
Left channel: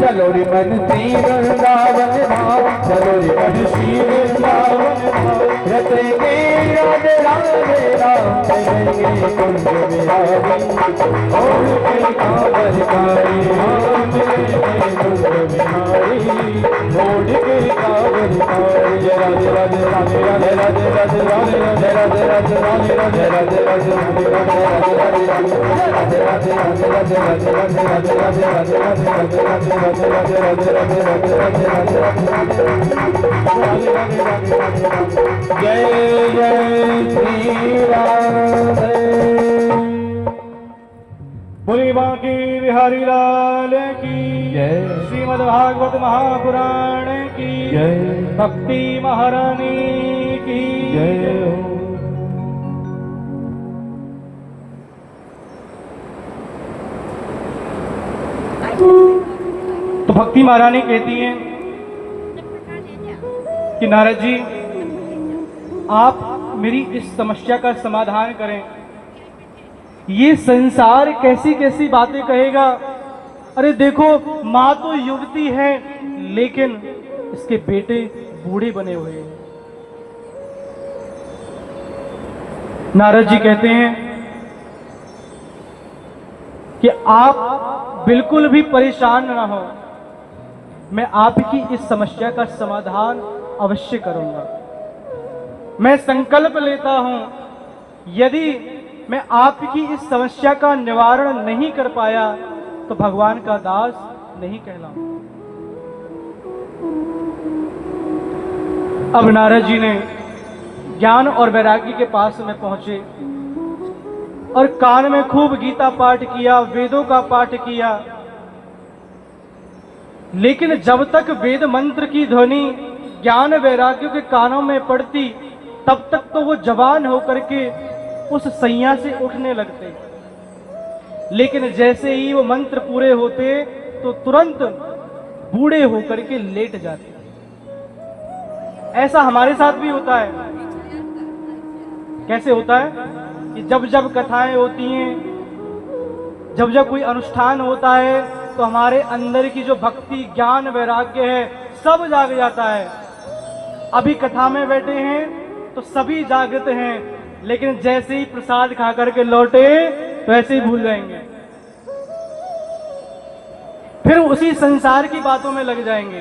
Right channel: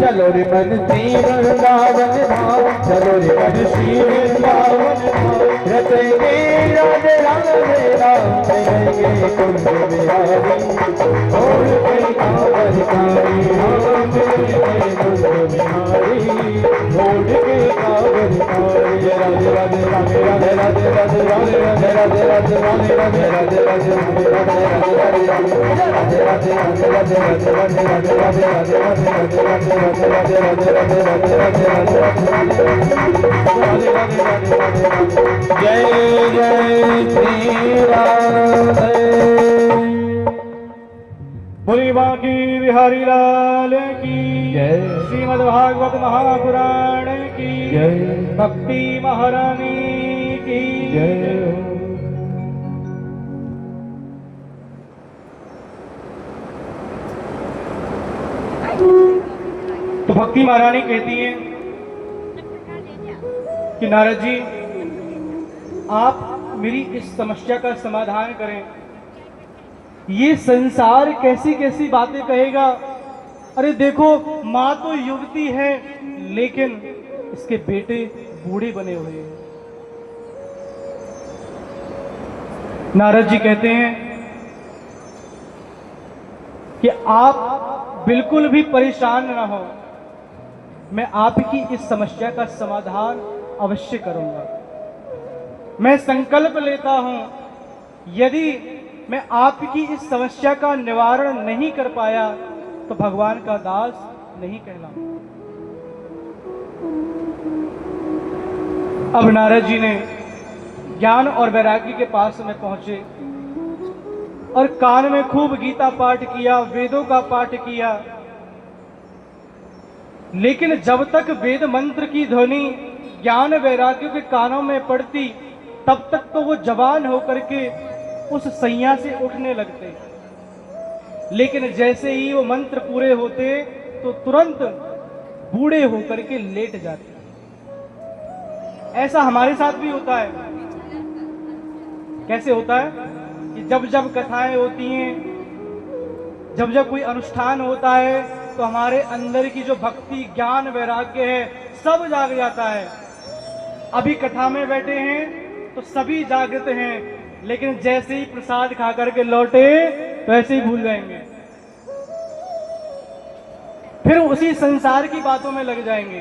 चलो रे मन श्री वृंदावन धाम, चलो रे मन श्री वृंदावन धाम, रचेंगे राधे राधे राम, चलेंगे कुंज बिहारी, और के कामर कारी, हम चलेंगे कुंज बिहारी, और के कामर कारी। जय राधे राधे राधे राधे राधे राधे राधे राधे राधे राधे राधे राधे राधे राधे राधे राधे राधे जय जय श्री राधे। बोली बांकी बिहारी लाल की जय। श्रीमद् भागवत महापुराण की जय। भक्ति महारानी की जय। तो भक्ति महारानी कहती हैं कि नारद जी आप मेरी इस समस्या का समाधान करें। ये संसार कैसी कैसी बातें कहेगा। अरे देखो माँ तो युवती है लेकिन इसके बेटे बूढ़े बने हुए हैं। नारद जी कहते हैं कि आप बिल्कुल भी परेशान ना हो, मैं आपकी इस समस्या का समाधान अवश्य करूंगा। मैं संकल्प लेता हूं यदि मैं आपकी इस समस्या का निवारण नहीं कर पाया तो भगवान का दास नहीं कहलाऊंगा। अब नारद जी ने ज्ञान और वैराग्य के पास में पहुंचे और कान में खूब गीता पाठ किया, वेदों का पाठ किया, लेकिन जब तक वेद मंत्र की ध्वनि ज्ञान वैराग्य के कानों में पड़ती तब तक तो वो जवान होकर के उस सैया से उठने लगते, लेकिन जैसे ही वो मंत्र पूरे होते तो तुरंत बूढ़े होकर के लेट जाते। ऐसा हमारे साथ भी होता है। कैसे होता है कि जब जब कथाएं होती हैं जब जब कोई अनुष्ठान होता है तो हमारे अंदर की जो भक्ति ज्ञान वैराग्य है सब जाग जाता है। अभी कथा में बैठे हैं तो सभी जागृत हैं, लेकिन जैसे ही प्रसाद खा करके लौटे तो ऐसे ही भूल जाएंगे, फिर उसी संसार की बातों में लग जाएंगे।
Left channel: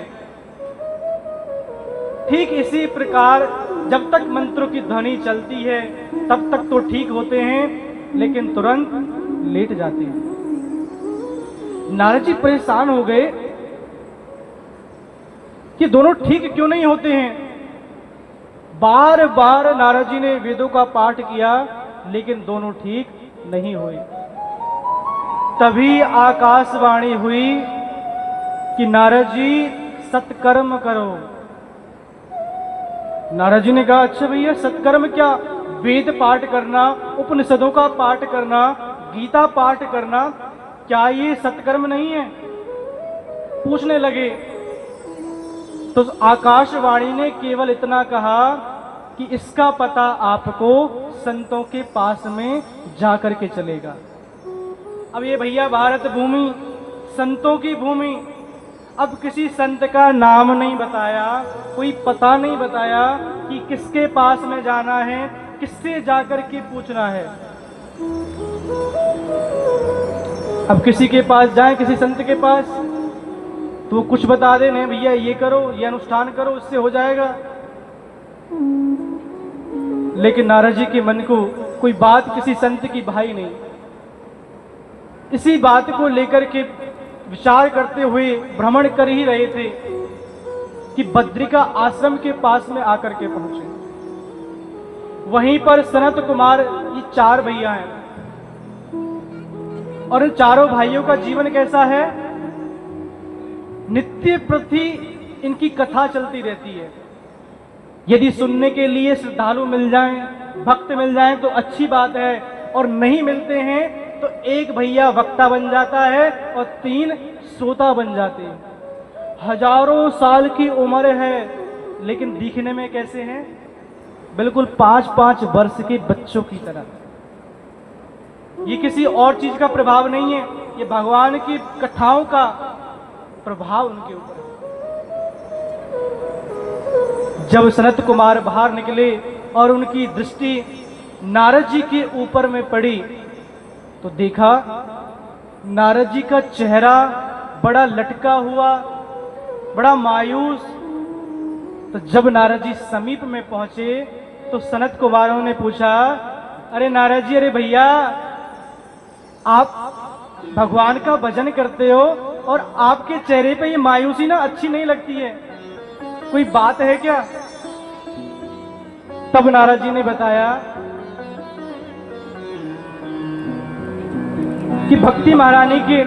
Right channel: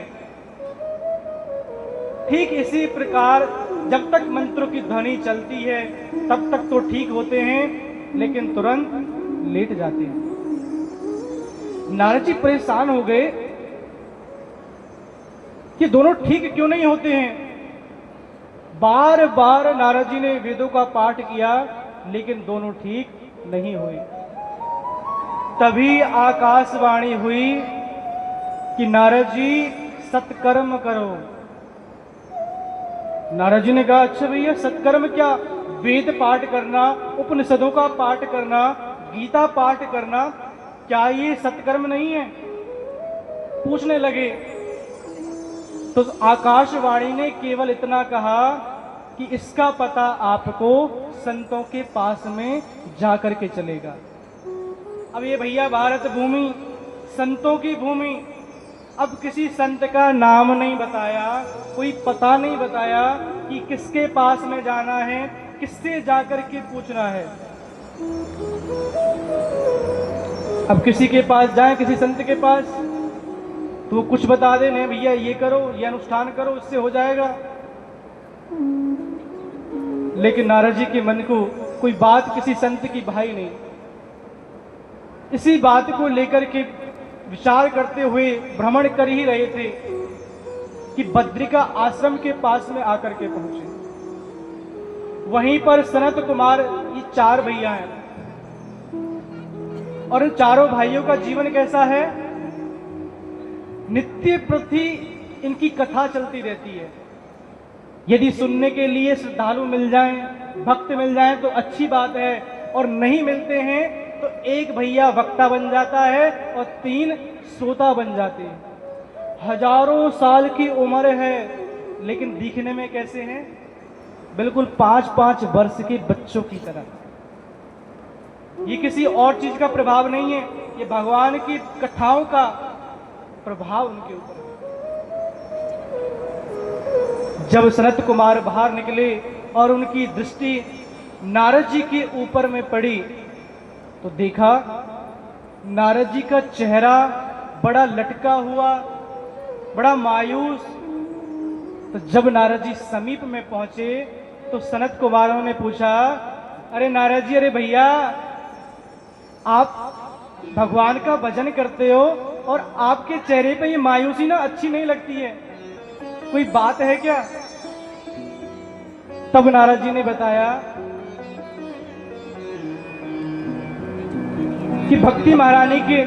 ठीक इसी प्रकार जब तक मंत्रों की ध्वनि चलती है तब तक तो ठीक होते हैं, लेकिन तुरंत लेट जाते हैं। नारद जी परेशान हो गए कि दोनों ठीक क्यों नहीं होते हैं। बार बार नारद जी ने वेदों का पाठ किया, लेकिन दोनों ठीक नहीं हुए। तभी आकाशवाणी हुई कि नारद जी सत्कर्म करो। नारद जी ने कहा, अच्छा भैया सत्कर्म क्या? वेद पाठ करना, उपनिषदों का पाठ करना, गीता पाठ करना, क्या ये सत्कर्म नहीं है? पूछने लगे तो आकाशवाणी ने केवल इतना कहा कि इसका पता आपको संतों के पास में जाकर के चलेगा। अब ये भैया भारत भूमि, संतों की भूमि, अब किसी संत का नाम नहीं बताया, कोई पता नहीं बताया कि किसके पास में जाना है, किससे जाकर के पूछना है। अब किसी के पास जाए, किसी संत के पास, तो वो कुछ बता दे, नहीं भैया ये करो, ये अनुष्ठान करो, इससे हो जाएगा। लेकिन नारद जी के मन को कोई बात किसी संत की भाई नहीं। इसी बात को लेकर के विचार करते हुए भ्रमण कर ही रहे थे कि बद्रिका आश्रम के पास में आकर के पहुंचे। वहीं पर सनत कुमार, ये 4 भैया हैं, और इन चारों भाइयों का जीवन कैसा है? नित्य प्रति इनकी कथा चलती रहती है। यदि सुनने के लिए श्रद्धालु मिल जाएं, भक्त मिल जाएं तो अच्छी बात है, और नहीं मिलते हैं तो एक भैया वक्ता बन जाता है और 3 श्रोता बन जाते हैं। हजारों साल की उम्र है, लेकिन दिखने में कैसे हैं? बिल्कुल 5-5 वर्ष के बच्चों की तरह। ये किसी और चीज का प्रभाव नहीं है, ये भगवान की कथाओं का प्रभाव उनके ऊपर है। जब सनत कुमार बाहर निकले और उनकी दृष्टि नारद जी के ऊपर में पड़ी तो देखा नारद जी का चेहरा बड़ा लटका हुआ, बड़ा मायूस। तो जब नारद जी समीप में पहुंचे तो सनत कुमारों ने पूछा, अरे नारद जी, अरे भैया, आप भगवान का भजन करते हो और आपके चेहरे पे ये मायूसी ना अच्छी नहीं लगती है, कोई बात है क्या? तब नारद जी ने बताया कि भक्ति महारानी के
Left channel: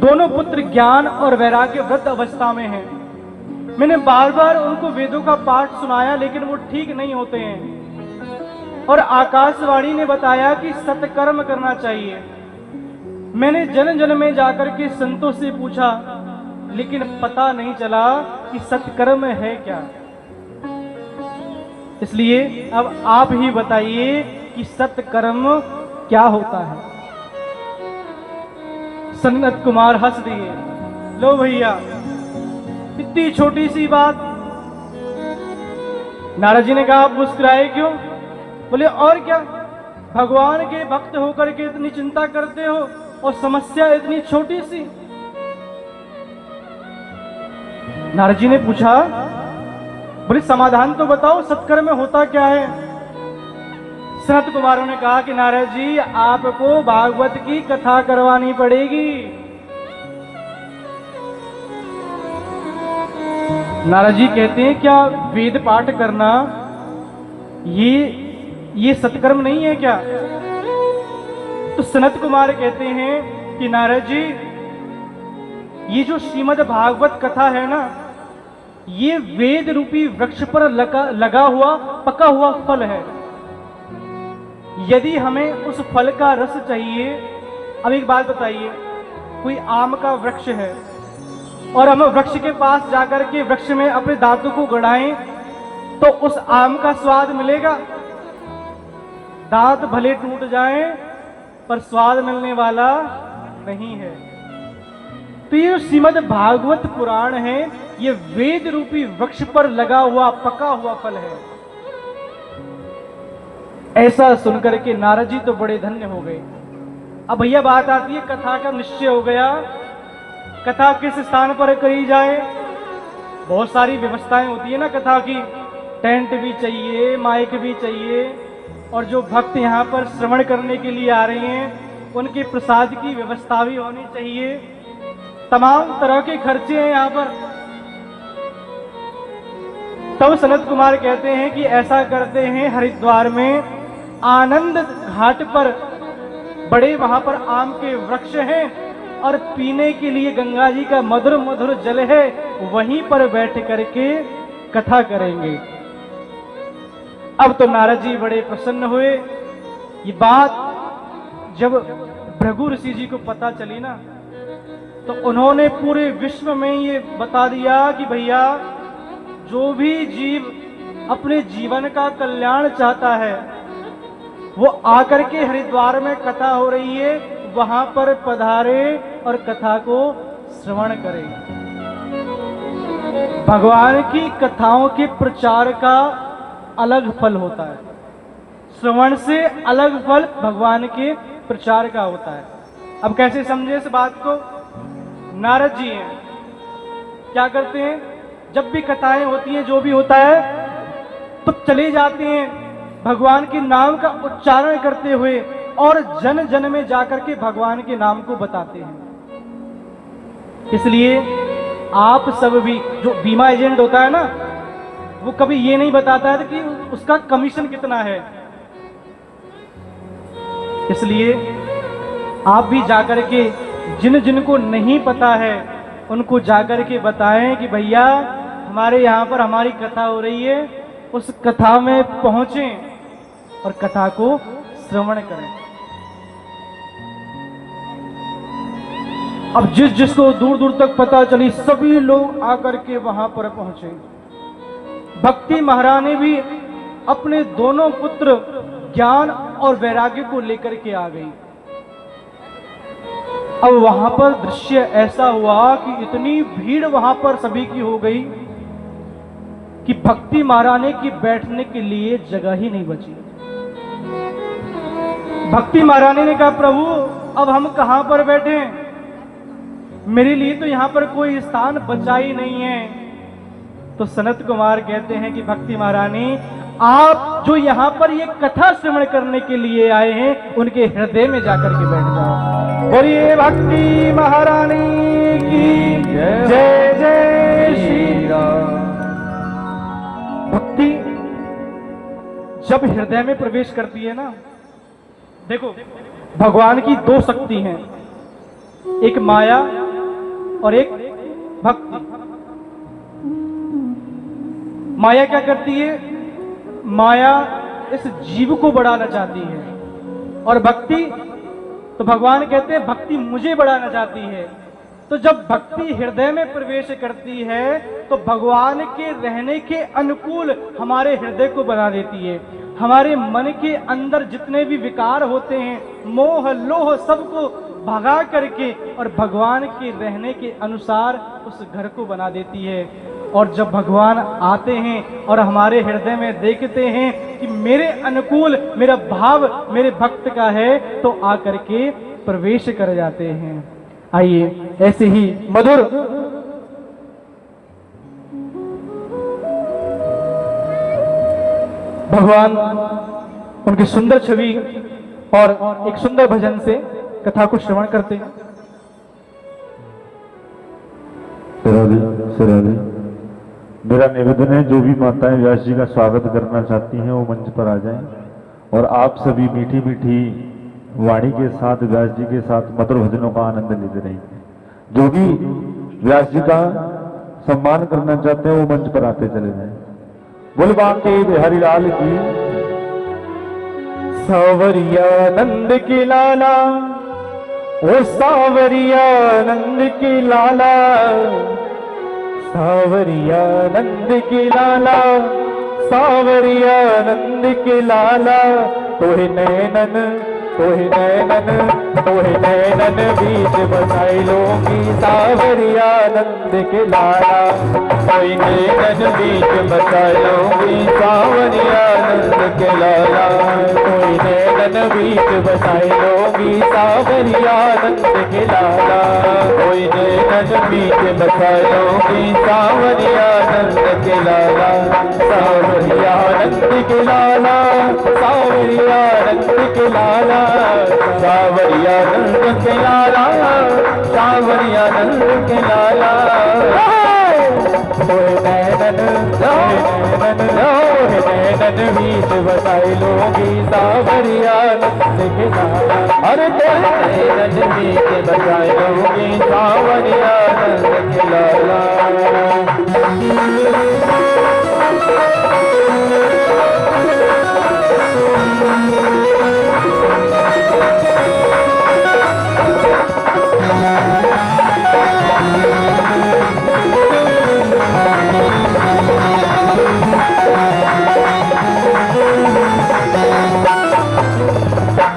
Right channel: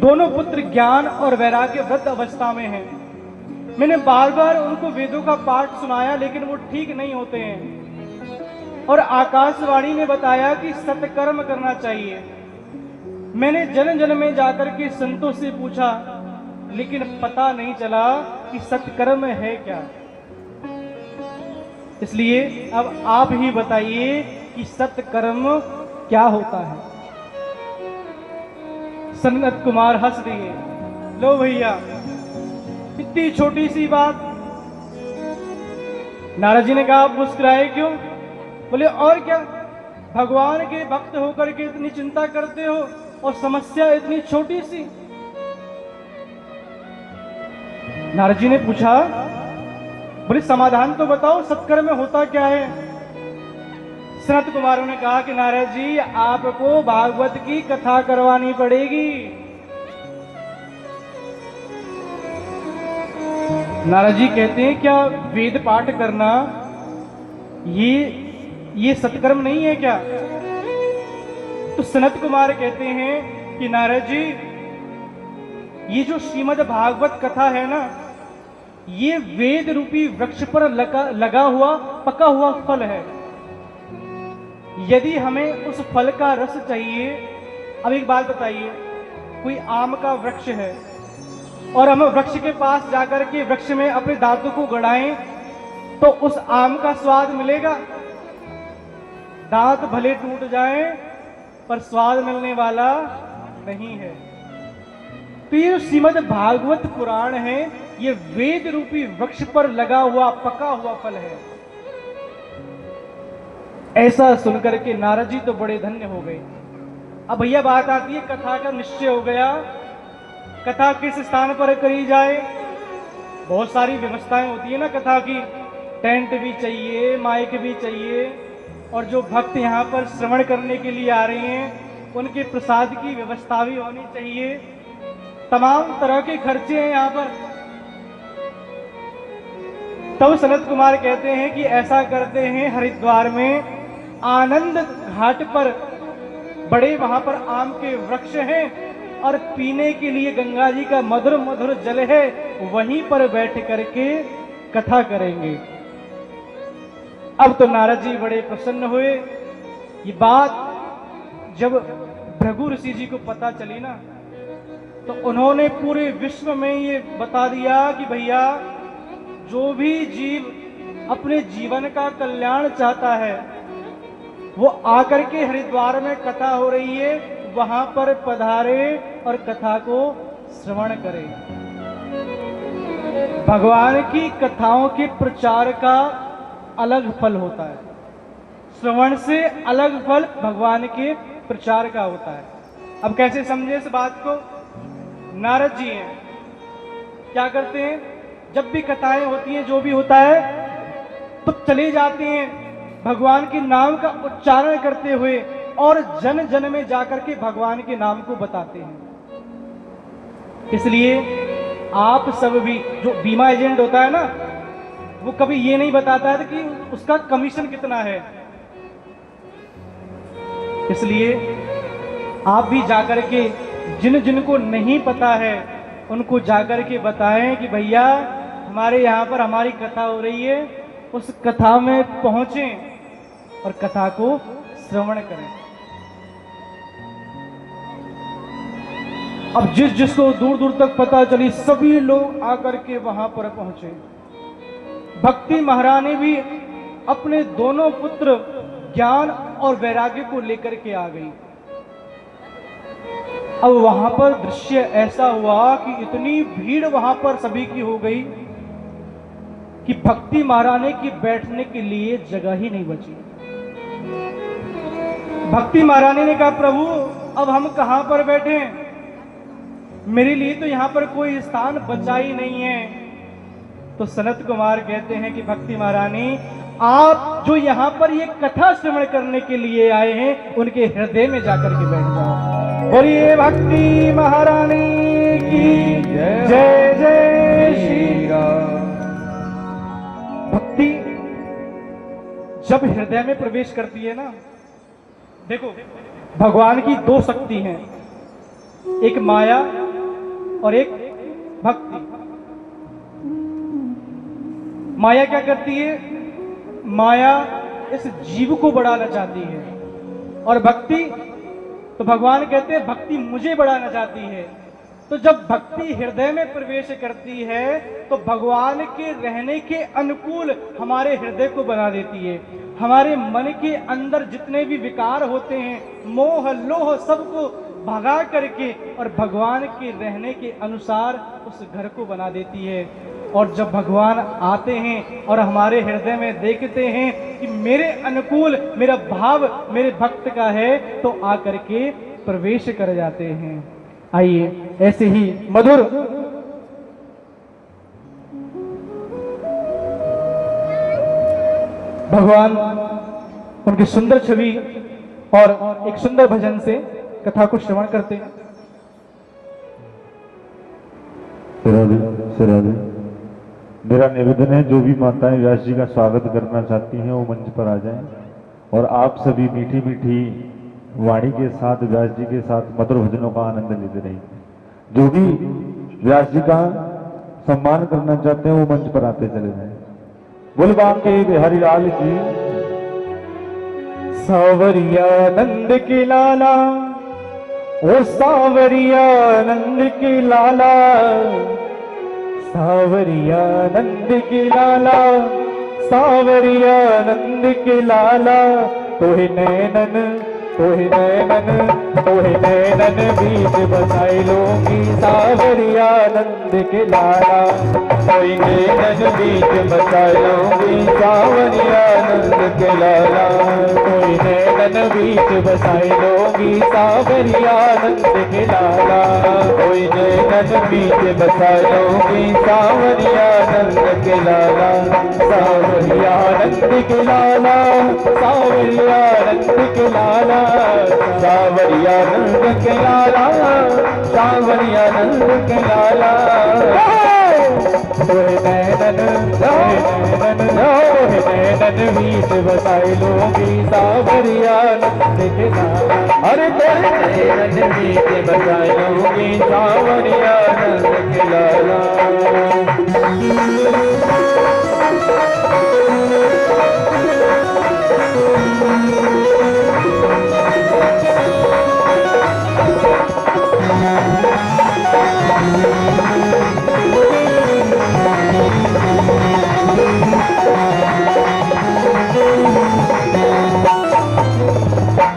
दोनों पुत्र ज्ञान और वैराग्य वृद्ध अवस्था में हैं। मैंने बार बार उनको वेदों का पाठ सुनाया, लेकिन वो ठीक नहीं होते हैं। और आकाशवाणी ने बताया कि सत्कर्म करना चाहिए। मैंने जन जन में जाकर के संतों से पूछा, लेकिन पता नहीं चला कि सत्कर्म है क्या। इसलिए अब आप ही बताइए कि सत्कर्म क्या होता है। सनत कुमार हंस दिए, लो भैया, इतनी छोटी सी बात। नारद जी ने कहा, आप मुस्कुराए क्यों? बोले, और क्या, भगवान के भक्त होकर के इतनी चिंता करते हो और समस्या इतनी छोटी सी। नारद जी ने पूछा, बोले समाधान तो बताओ, सत्कर्म में होता क्या है? सनत कुमारों ने कहा कि नारद जी, आपको भागवत की कथा करवानी पड़ेगी। नारद जी कहते हैं, क्या वेद पाठ करना ये सत्कर्म नहीं है क्या? तो सनत कुमार कहते हैं कि नारद जी, ये जो श्रीमद् भागवत कथा है ना, ये वेद रूपी वृक्ष पर लगा हुआ पका हुआ फल है। यदि हमें उस फल का रस चाहिए, अब एक बात बताइए, कोई आम का वृक्ष है और हम वृक्ष के पास जाकर के वृक्ष में अपने दांतों को गड़ाएं तो उस आम का स्वाद मिलेगा? दांत भले टूट जाएं पर स्वाद मिलने वाला नहीं है। तो ये श्रीमद् भागवत पुराण है, ये वेद रूपी वृक्ष पर लगा हुआ पका हुआ फल है। ऐसा सुनकर के नारद जी तो बड़े धन्य हो गए। अब भैया बात आती है, कथा का निश्चय हो गया, कथा किस स्थान पर करी जाए। बहुत सारी व्यवस्थाएं होती है ना कथा की, टेंट भी चाहिए, माइक भी चाहिए, और जो भक्त यहाँ पर श्रवण करने के लिए आ रहे हैं उनके प्रसाद की व्यवस्था भी होनी चाहिए। तमाम तरह के खर्चे हैं यहाँ पर। तब सनत कुमार कहते हैं कि ऐसा करते हैं, हरिद्वार में आनंद घाट पर बड़े वहां पर आम के वृक्ष हैं और पीने के लिए गंगा जी का मधुर मधुर जल है, वहीं पर बैठ करके कथा करेंगे। अब तो नारद जी बड़े प्रसन्न हुए। ये बात जब भृगु ऋषि जी को पता चली ना, तो उन्होंने पूरे विश्व में ये बता दिया कि भैया जो भी जीव अपने जीवन का कल्याण चाहता है वो आकर के हरिद्वार में कथा हो रही है वहां पर पधारे और कथा को श्रवण करे। भगवान की कथाओं के प्रचार का अलग फल होता है, श्रवण से अलग फल भगवान के प्रचार का होता है। अब कैसे समझे इस बात को? नारद जी हैं, क्या करते हैं, जब भी कथाएं होती हैं, जो भी होता है, तो चले जाते हैं भगवान के नाम का उच्चारण करते हुए और जन जन में जाकर के भगवान के नाम को बताते हैं। इसलिए आप सब भी, जो बीमा एजेंट होता है ना, वो कभी ये नहीं बताता है कि उसका कमीशन कितना है। इसलिए आप भी जाकर के जिन जिनको नहीं पता है उनको जाकर के बताएं कि भैया हमारे यहाँ पर हमारी कथा हो रही है, उस कथा में पहुंचें और कथा को श्रवण करें। अब जिस जिसको दूर दूर तक पता चली, सभी लोग आकर के वहां पर पहुंचे। भक्ति महारानी भी अपने दोनों पुत्र ज्ञान और वैराग्य को लेकर के आ गई। अब वहां पर दृश्य ऐसा हुआ कि इतनी भीड़ वहां पर सभी की हो गई कि भक्ति महारानी की बैठने के लिए जगह ही नहीं बची। भक्ति महारानी ने कहा, प्रभु अब हम कहां पर बैठे, मेरे लिए तो यहां पर कोई स्थान बचा ही नहीं है। तो सनत कुमार कहते हैं कि भक्ति महारानी, आप जो यहाँ पर ये कथा श्रवण करने के लिए आए हैं उनके हृदय में जाकर के बैठ जाओ। बोलिए भक्ति महारानी की जय जय श्री राम। भक्ति जब हृदय में प्रवेश करती है ना, देखो भगवान की दो शक्ति हैं, एक माया और एक भक्ति। माया क्या करती है? माया इस जीव को बढ़ाना चाहती है, और भक्ति, तो भगवान कहते हैं भक्ति मुझे बढ़ाना चाहती है। तो जब भक्ति हृदय में प्रवेश करती है तो भगवान के रहने के अनुकूल हमारे हृदय को बना देती है। हमारे मन के अंदर जितने भी विकार होते हैं, मोह लोह, सबको भगा करके और भगवान के रहने के अनुसार उस घर को बना देती है। और जब भगवान आते हैं और हमारे हृदय में देखते हैं कि मेरे अनुकूल मेरा भाव मेरे भक्त का है, तो आकर के प्रवेश कर जाते हैं। आइए ऐसे ही मधुर भगवान उनकी सुंदर छवि और एक सुंदर भजन से कथा को श्रवण करते हैं। मेरा निवेदन है, जो भी माताएं व्यास जी का स्वागत करना चाहती हैं वो मंच पर आ जाएं, और आप सभी मीठी मीठी वाणी के साथ व्यास जी के साथ मधुर भजनों का आनंद लेते रहेंगे। जो भी व्यास जी का सम्मान करना चाहते हैं वो मंच पर आते चले जाएं। बोल बांके बिहारी लाल की। सावरिया नंद के लाला, ओ सावरिया नंद के लाला, सावरिया नंद के लाला, सावरिया नंद के लाला, तोहे नैनन तोहि नैनन बीच बसाई लोगी सावरिया नंद के लाला तोहि नैनन बीच बसाई लोगी सावरिया नंद के लाला तोहि नैनन बीच बसाई लोगी सावरिया नंद के लाला तोहि नैनन बीच बसाई लोगी सावरिया नंद के लाला सावरिया नंद के लाला सावरिया नंद के लाला सावरिया नंद के लाला सावरिया नंद के लाला नैनन बीच बसाई लोगी सावरिया नंद के लाला अरे नैनन बीच बसाई लोगी सावरिया नंद के लाला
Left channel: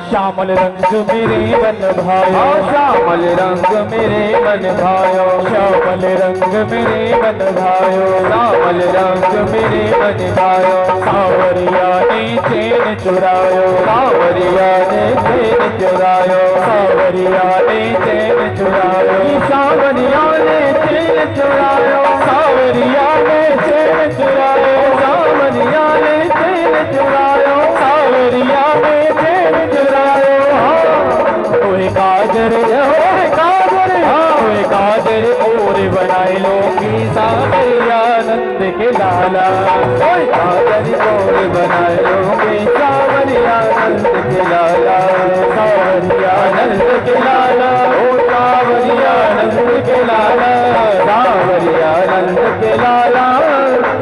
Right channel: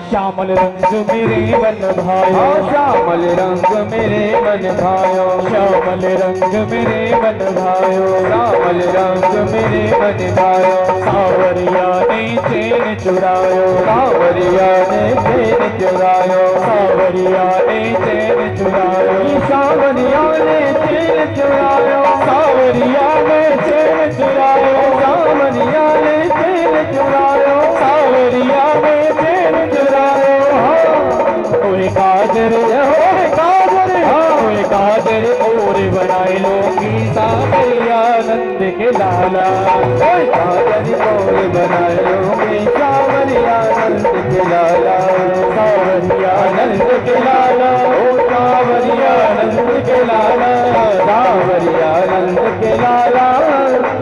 श्यामल रंग मेरे मन भायो श्यामल रंग मेरे मन भायो श्यामल रंग मेरे मन भायो श्यामल रंग मेरे मन भायो सावरिया ने चैन चुरायो सावरिया ने चैन चुरायो सावरिया ने चैन चुरायो सावरिया ने चैन चुरायो सावरिया ने चैन चुरायो सावरिया ने चैन चुरायो सावरिया ने चैन चुरायो ओए काजर ओए काजर और बनाई लोगी सावरिया नंद के लाला ओए काजर और बनाई लोगी सावरिया नंद के लाला सावरिया नंद के लाला ओ सावरिया नंद के लाला सावरिया नंद के लाला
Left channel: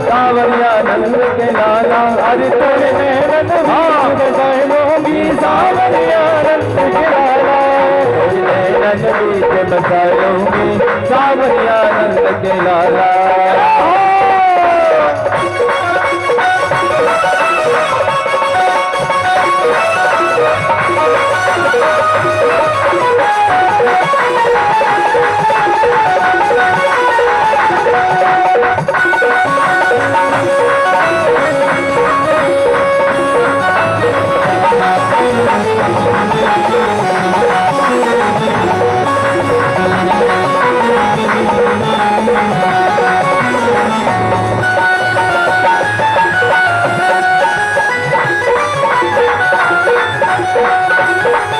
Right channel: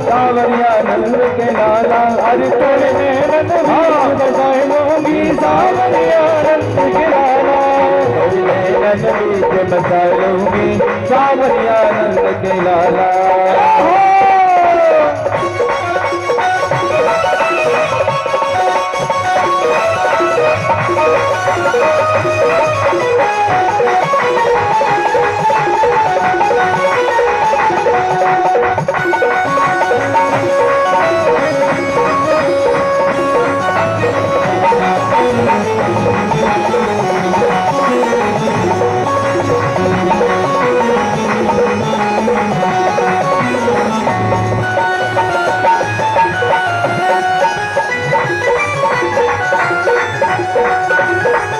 सावरिया नंद के लाला अरे तोरे नैनन बसाई लोगी सावरिया नंद के लाला नैनन बीच बसाई लोगी सावरिया नंद के लाला Thank you.